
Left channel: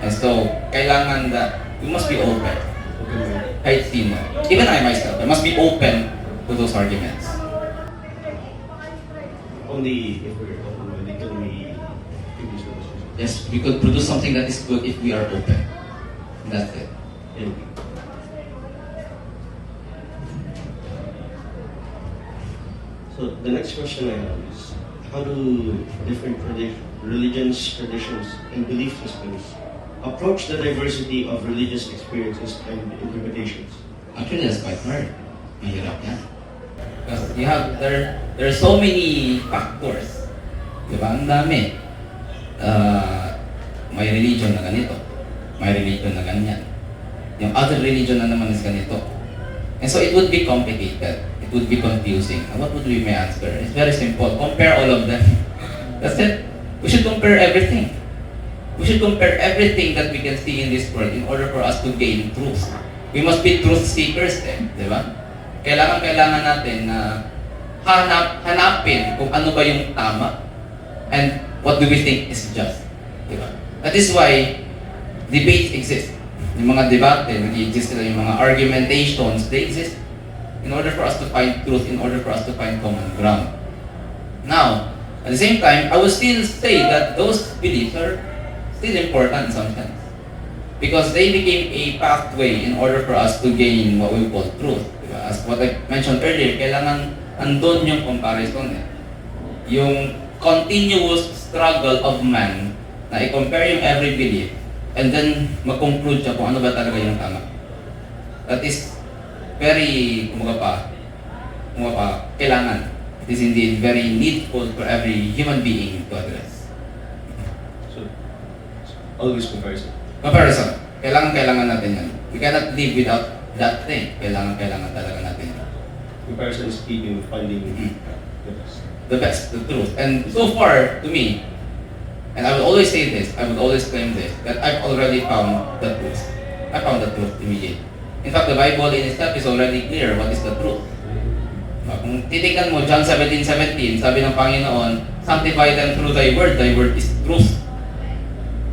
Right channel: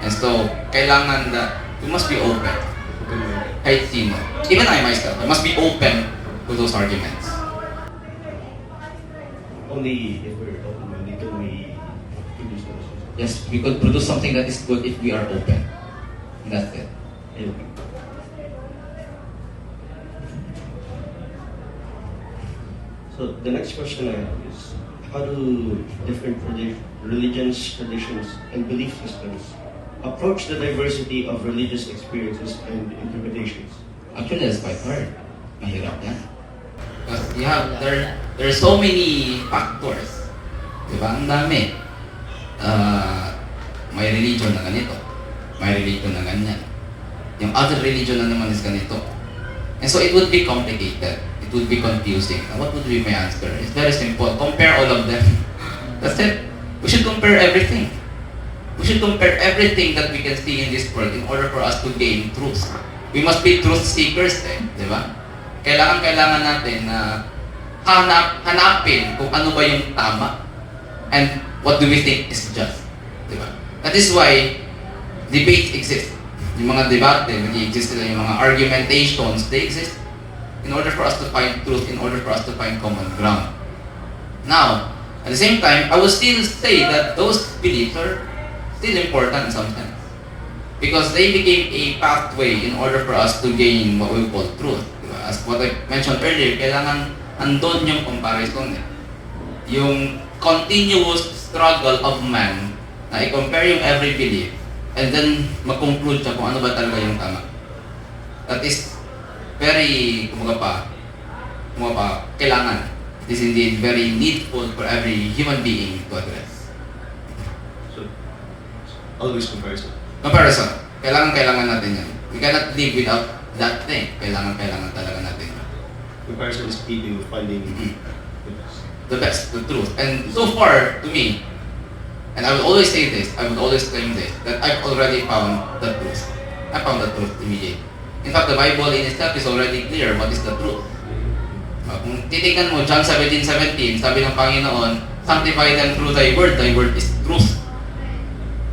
And so, kailangan that we must be open. Kahit sino. Even I myself, I must be open to those arguments. Only if we're open-minded can we produce the message. Yes, we could produce something that is good if we are open. That's it. Thank you. So the next question I have is, how do different religions, traditions, and belief systems approach the diversity of religious experiences and interpretations? Actually, that's quite hard. Mahirap yan. Because there are so many factors. Diba? Ang dami. May religion na ganito. May religion na ganyan. Yung other religion na naman is ganito. And so it would be complicated. It would be confusing. What would be my answer? It's very simple. Compare all of them. That's it. We should compare everything. We should compare everything that we can see in this world in order for us to gain truth. We must be truth seekers di ba? Kailangan natin na hanapin kung ano ba yung tama and what do we think is just. Di ba? That is why debates exist. Yung mga debate, nag-exist sila, yung mga argumentations, they exist in order for us to find truth, in order for us to find common ground. Now, at the same time, I would still say that those beliefs are still important in some sense. Because they became a pathway in order for us to gain what we call truth. Diba? As what I mentioned earlier, kailangan andun yung comparison Yung continuous struggle of man na i-compare yung every belief and then mag-conclude siya kung ano ba talaga yung tama. That is very, kailangan. It is indeed very needful for every human being to address. So, always comparison. Comparison. Kailangan natin yan. We cannot live without that thing. Kailangan talaga natin yan. Comparison is key to finding The best, the truth. And so far, to me, and I would always say this, I would always claim this, that I've already found the truth. I found the truth immediately. In fact, the Bible in itself is already clear what is the truth. Kung titignan mo, John 17:17, sabi ng Panginoon, sanctify them through thy word is truth.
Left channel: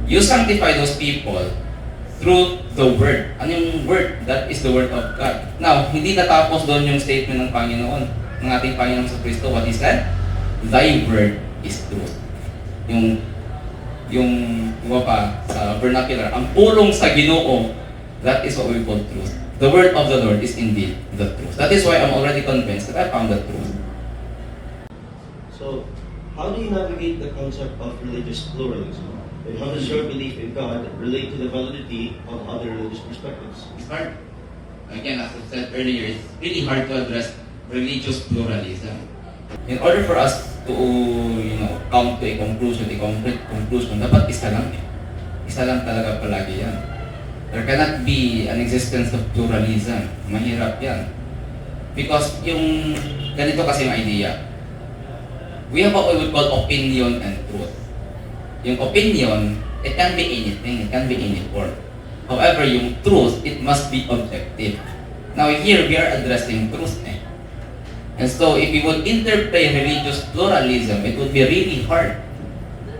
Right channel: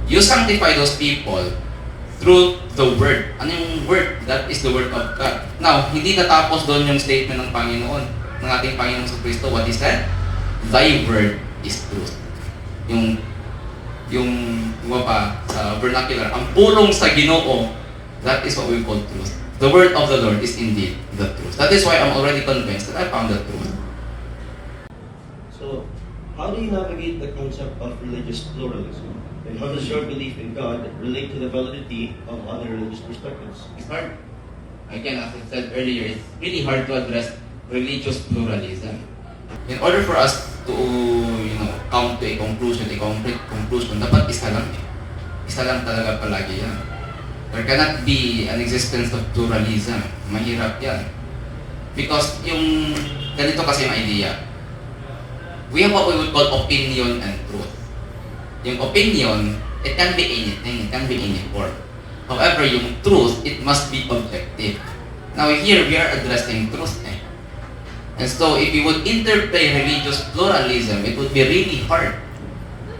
You sanctify those people through the word. Ano yung word? That is the word of God. Now, hindi natapos doon yung statement ng Panginoon, ng ating Panginoon sa Kristo. What he said? Thy word is truth. Yung sa vernacular, ang pulong sa Ginoo, that is what we call truth. The word of the Lord is indeed the truth. That is why I'm already convinced that I found the truth. So, how do you navigate the concept of religious pluralism? And how does your belief in God relate to the validity of other religious perspectives? It's hard. Again, as I said earlier, it's really hard to address religious pluralism. In order for us to, come to a complete conclusion, dapat isa lang Isa lang talaga palagi yan. There cannot be an existence of pluralism. Mahirap yan. Because yung ganito kasi yung idea. We have what we would call opinion and truth. Yung opinion, it can be anything, it can be any form. However, yung truth, it must be objective. Now here, we are addressing truth And so, if we would interplay religious pluralism, it would be really hard.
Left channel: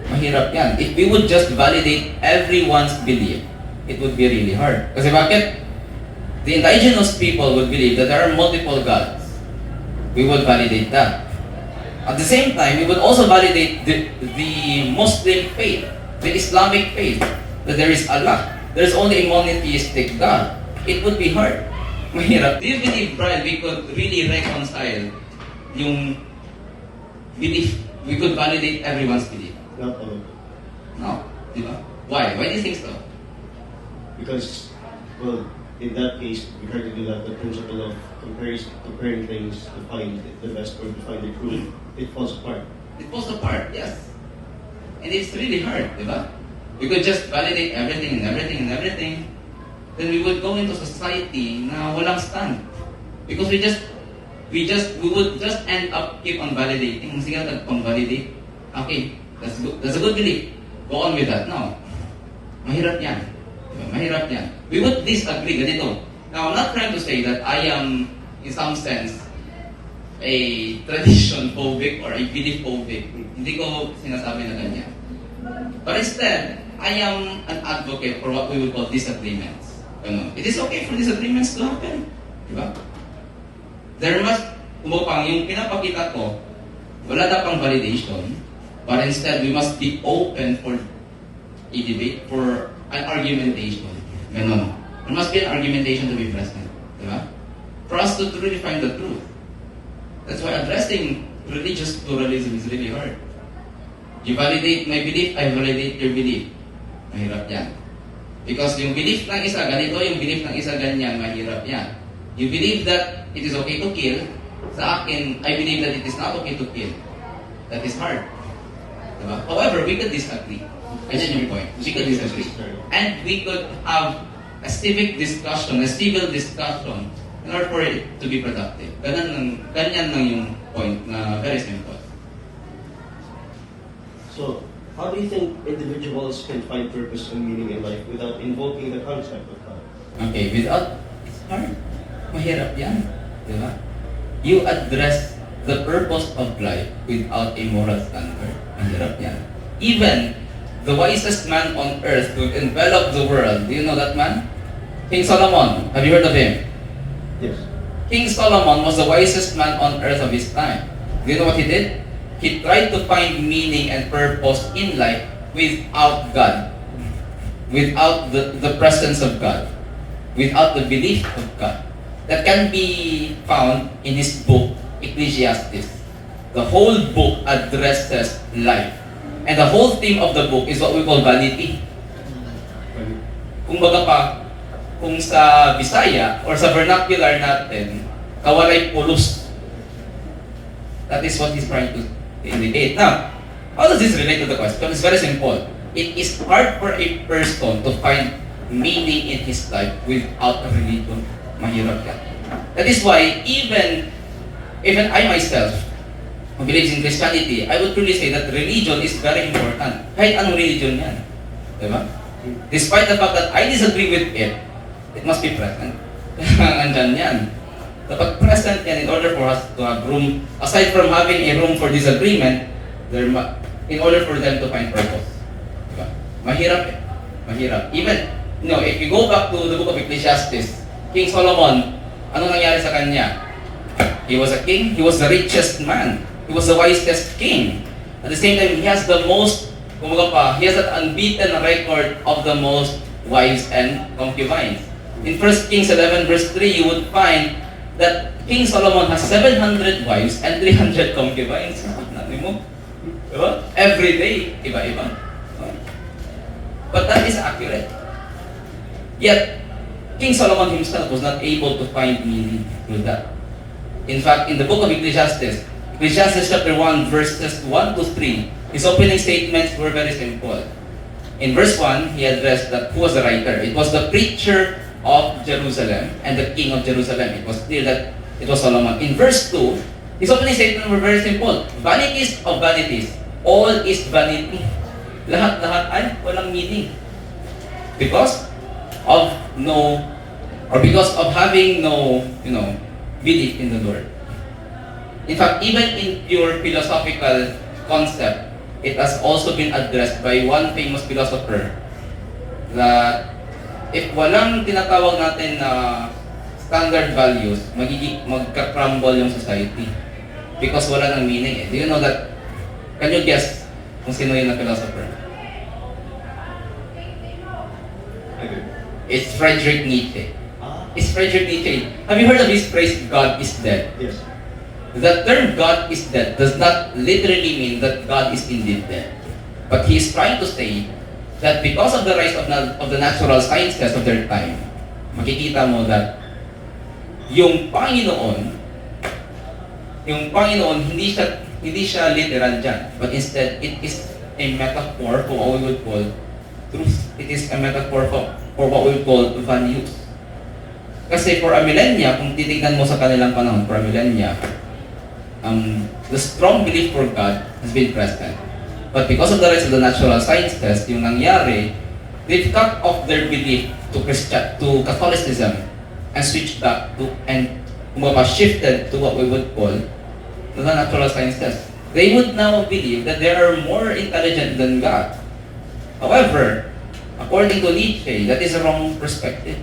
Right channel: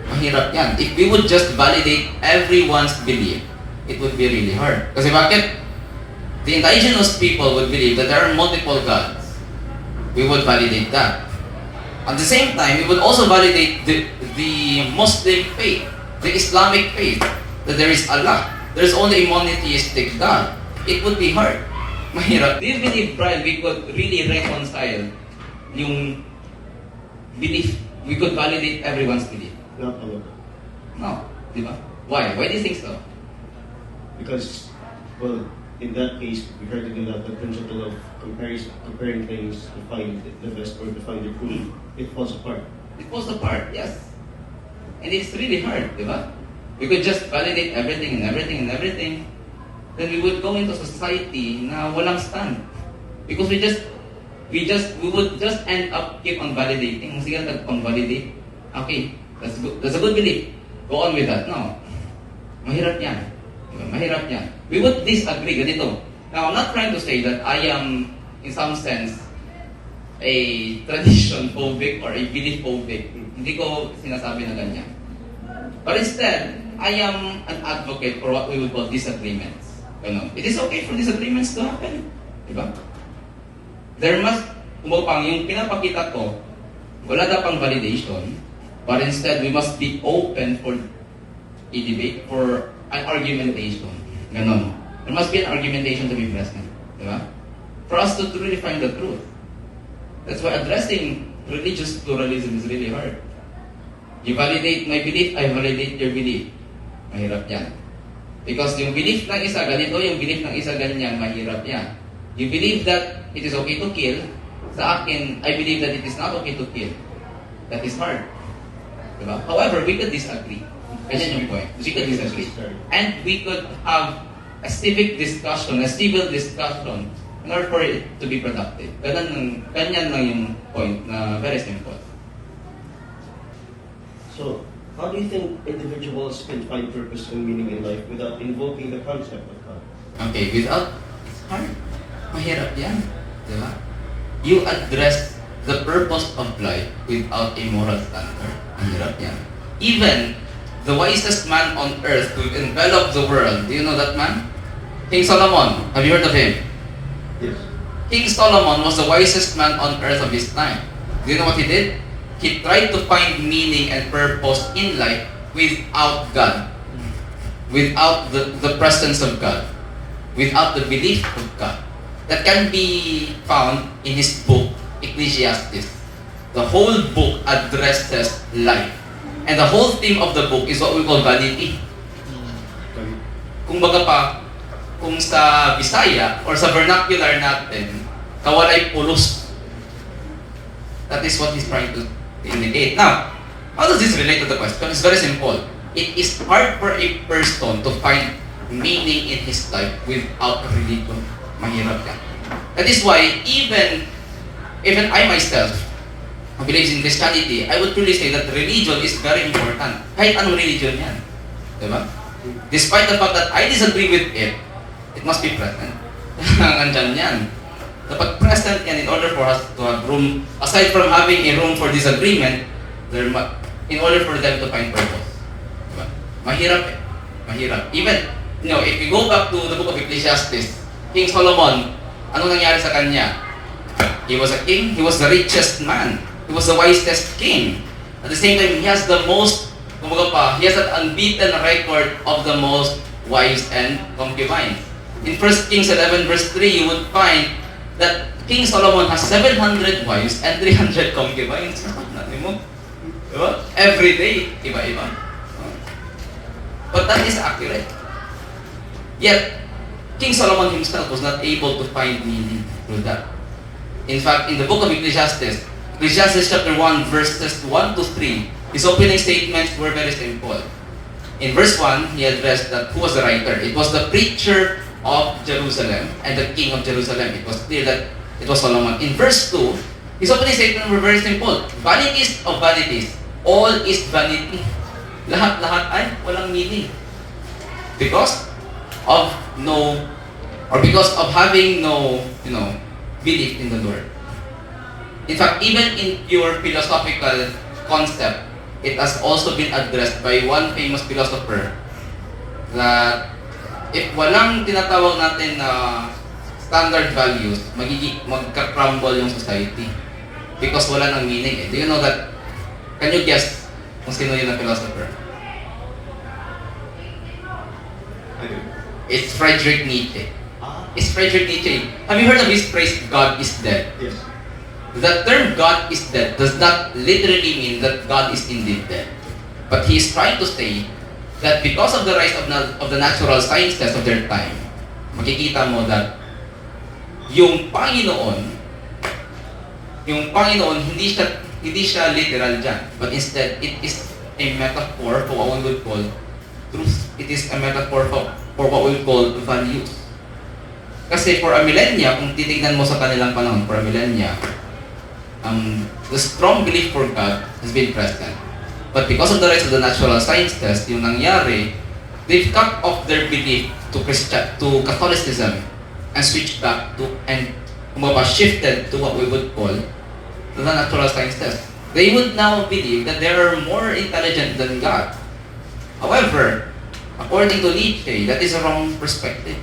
Mahirap yan. If we would just validate everyone's belief, it would be really hard. Kasi bakit? The indigenous people would believe that there are multiple gods. We would validate that. At the same time, we would also validate the Muslim faith, the Islamic faith, that there is Allah. There is only a monotheistic God. It would be hard. Mahirap. Do you believe, Brian, we could really reconcile yung belief? We could validate everyone's belief? Not all of them. No. Di ba? Why? Why do you think so? Because, well, in that case, we try to do that, the principle of comparing things to find the best or to find the truth, it falls apart. It falls apart, yes. And it's really hard, di ba? We could just validate everything and everything and everything. Then we would go into society na walang stand. Because we would just end up keep on validating. Sige, pang-validate. Okay, that's a good belief. Go on with that. No. Mahirap yan. Diba? Mahirap yan. We would disagree. Ganito. Now, I'm not trying to say that I am, in some sense, a tradition phobic or a belief phobic. Hindi ko sinasabi na ganyan. But instead, I am an advocate for what we would call disagreements. It is okay for disagreements to happen. Diba? There must, kumupang yung pinapakita ko, wala na pang validation, but instead, we must be open for a debate, for an argumentation. Ganon. There must be an argumentation to be present. Diba? For us to really find the truth. That's why addressing religious pluralism is really hard. You validate my belief, I validate your belief. Mahirap yan. Because yung belief ng isa ganito, yung belief ng isa ganyan, mahirap yan. You believe that it is okay to kill. Sa akin, I believe that it is not okay to kill. That is hard. Diba? However, we could disagree. Ganyan yung point. We could disagree. And we could have a civic discussion, a civil discussion in order for it to be productive. Ganyan lang yung point na very simple. So, how do you think individuals can find purpose and meaning in life without invoking the concept of God? Okay, without, it's hard. Mahirap yan. Diba? You address the purpose of life without a moral standard. Mahirap yan. Even the wisest man on earth who enveloped the world, do you know that man? King Solomon. Have you heard of him? Yes. King Solomon was the wisest man on earth of his time. Do you know what he did? He tried to find meaning and purpose in life without God. Without the presence of God. Without the belief of God. That can be found in his book, Ecclesiastes. The whole book addresses life. And the whole theme of the book is what we call vanity. Kung baga pa, kung sa Bisaya or sa vernacular natin, kawalay pulos. That is what he's trying to indicate. Now, how does this relate to the question? It's very simple. It is hard for a person to find meaning in his life without a religion. Mahirap yan. That is why even I myself, who believes in Christianity, I would truly say that religion is very important. Kahit anong religion yan. Diba? Despite the fact that I disagree with it must be present. Nandyan yan. Dapat present yan in order for us to have room, aside from having a room for disagreement, in order for them to find purpose. Diba? Mahirap eh. Mahirap. Even, if you go back to the book of Ecclesiastes, King Solomon, anong nangyari sa kanya? He was a king, he was the richest man, he was the wisest king. At the same time, he has the most, he has an unbeaten record of the most wives and concubines. In 1 Kings 11 verse 3, you would find that King Solomon has 700 wives and 300 concubines. Natin mo? Diba? Every day, iba-iba. But that is accurate. Yet, King Solomon himself was not able to find meaning with that. In fact, in the book of Ecclesiastes chapter 1, verses 1 to 3, his opening statements were very simple. In verse 1, he addressed that who was the writer. It was the preacher of Jerusalem and the king of Jerusalem. It was clear that it was Solomon. In verse 2, his opening statements were very simple. Vanities of vanities. All is vanity. Lahat-lahat ay walang meaning. Because of having no, belief in the Lord. In fact, even in pure philosophical concept, it has also been addressed by one famous philosopher that if walang tinatawag natin na standard values, magka-crumble yung society. Because wala nang meaning eh. Do you know that? Can you guess kung sino yun na philosopher? I do. It's Friedrich Nietzsche. It's Friedrich Nietzsche. Have you heard of his phrase, God is dead? Yes. The term God is dead does not literally mean that God is indeed dead. But he is trying to say that because of the rise of the natural sciences of their time, makikita mo that yung Panginoon hindi siya literal dyan, but instead it is a metaphor for what we would call truth. It is a metaphor for what we would call values. Kasi for a millennia, kung titignan mo sa kanilang panahon, for a millennia, the strong belief for God has been present. But because of the rise of the natural sciences, yung nangyari, they've cut off their belief to Catholicism and switched back to, and shifted to what we would call the natural sciences. They would now believe that they are more intelligent than God. However, according to Nietzsche, that is a wrong perspective.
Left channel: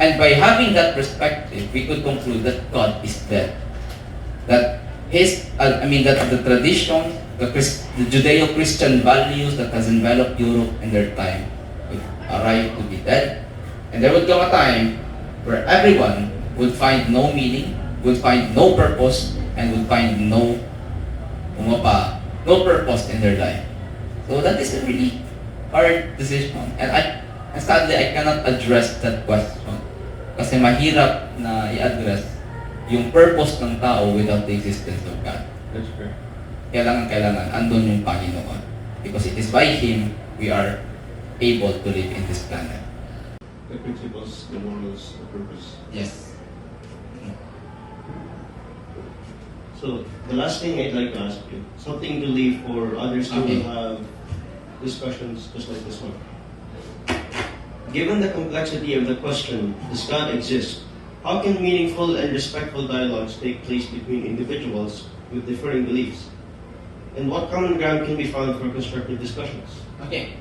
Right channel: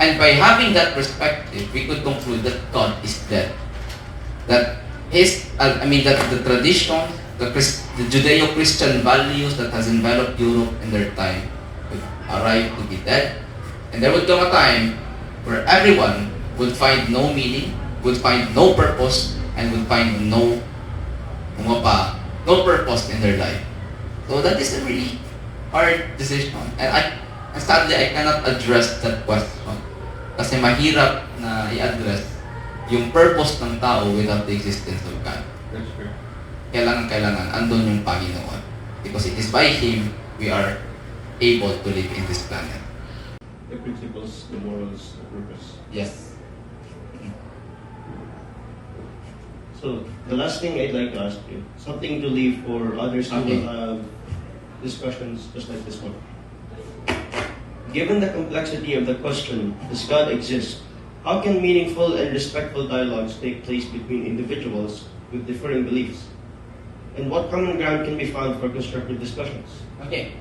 And by having that perspective, we could conclude that God is dead. That the tradition, the Judeo-Christian values that has enveloped Europe in their time would arrive to be dead. And there would come a time where everyone would find no meaning, would find no purpose, and would find no purpose in their life. So that is a really hard decision. And sadly, I cannot address that question. Kasi mahirap na i-address yung purpose ng tao without the existence of God. That's correct. Kailangan andun yung Panginoon. Because it is by Him we are able to live in this planet. The principles, the morals, the purpose. Yes. So, the last thing I'd like to ask you, something to leave for others who will have discussions just like this one. Given the complexity of the question, does God exist? How can meaningful and respectful dialogues take place between individuals with differing beliefs? And what common ground can be found for constructive discussions? Okay.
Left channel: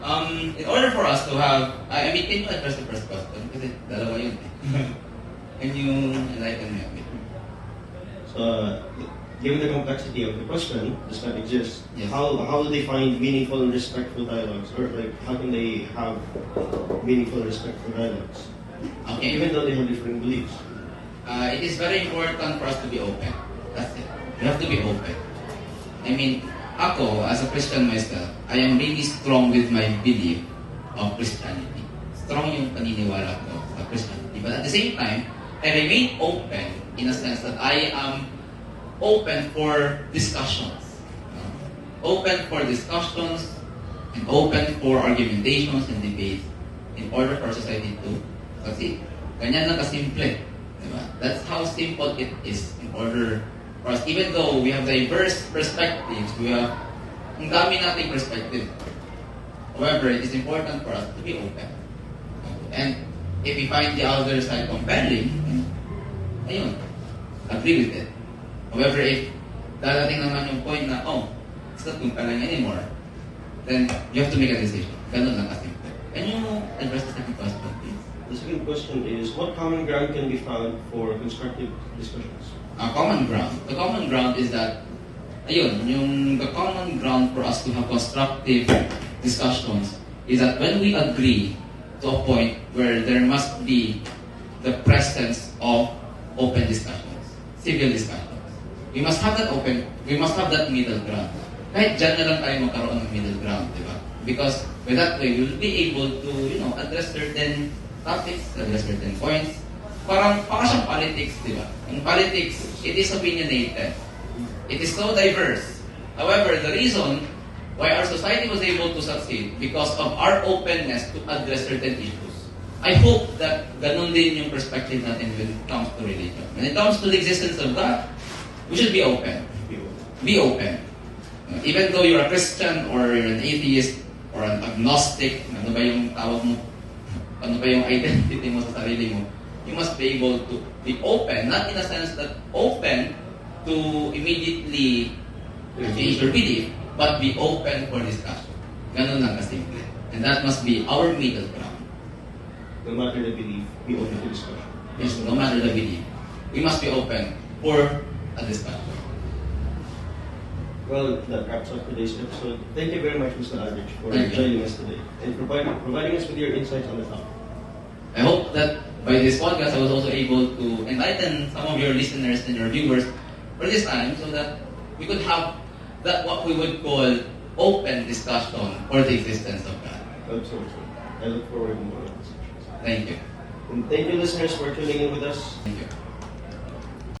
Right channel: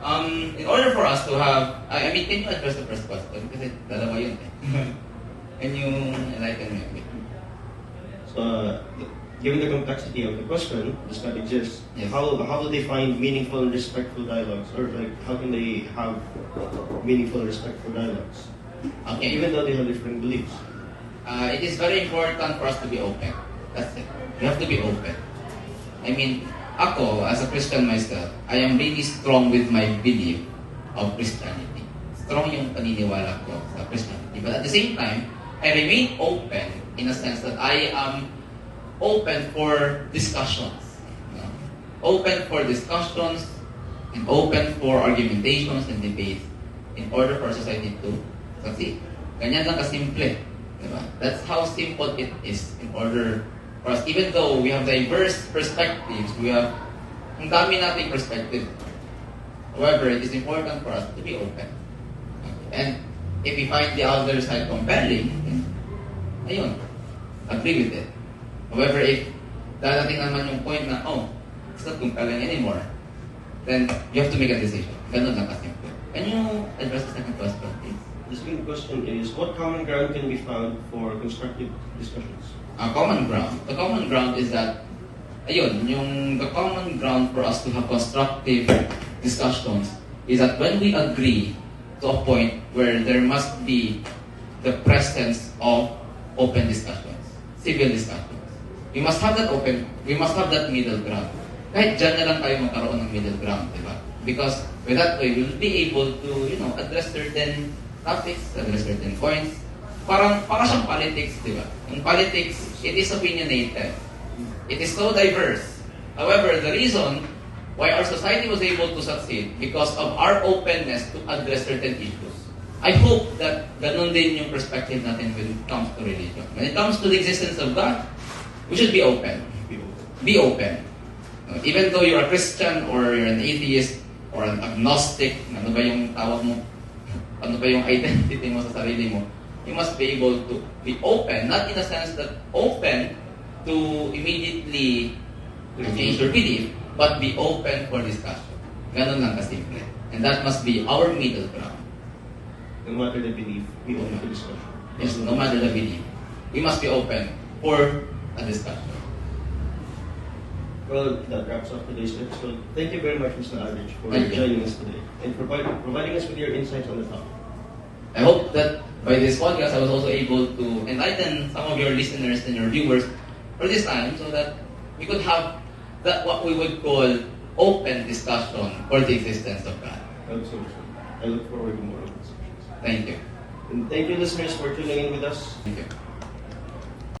In order for us to have, can you address the first question? Kasi dalawa yun eh. Can you enlighten me a bit? So, given the complexity of the question, does God exist? Yes. How will they find meaningful and respectful dialogues? Or like, how can they have meaningful and respectful dialogues? Okay. Even though they have different beliefs. It is very important for us to be open. That's it. You have to be open. I mean, ako, as a Christian myself, I am really strong with my belief of Christianity. Strong yung paniniwala ko sa Christianity. But at the same time, I remain open in a sense that I am open for discussions. Open for discussions and open for argumentations and debates in order for society to succeed. Ganyan lang kasimple. Diba? That's how simple it is in order for us. Even though we have diverse perspectives, we have ang dami nating perspective. However, it is important for us to be open. And if we find the other side compelling, ayun, agree with it. However, if darating naman yung point na, it's not compelling anymore, then you have to make a decision. Ganun lang kasi. Can you address the second question, please? The second question is, what common ground can be found for constructive discussions? Common ground. The common ground is that, the common ground for us to have constructive discussions is that when we agree to a point where there must be the presence of open discussions, civil discussions. We must have that middle ground. Kahit dyan na lang tayo magkaroon ng middle ground, di ba? Because with that way, we will be able to, address certain topics, address certain points. Para sa politics, di ba? In politics, it is opinionated. It is so diverse. However, the reason why our society was able to succeed because of our openness to address certain issues. I hope that ganun din yung perspective natin when it comes to religion. When it comes to the existence of God, we should be open. Be open. Even though you're a Christian or you're an atheist or an agnostic, ano ba yung tawag mo? Ano ba yung identity mo sa sarili mo? You must be able to be open, not in a sense that open to immediately change your belief, but be open for discussion. Ganun lang kasimple. And that must be our middle ground. No matter the belief, be open to discussion. Yes, no matter the belief. We must be open for a discussion. Well, that wraps up today's episode. Thank you very much, Mr. Aldrich, for joining us today and providing us with your insights on the topic. I hope that by this podcast, I was also able to enlighten some of your listeners and your viewers for this time so that we could have that what we would call open discussion for the existence of God. Absolutely. I look forward to more discussions. Thank you. And thank you, listeners, for tuning in with us. Thank you.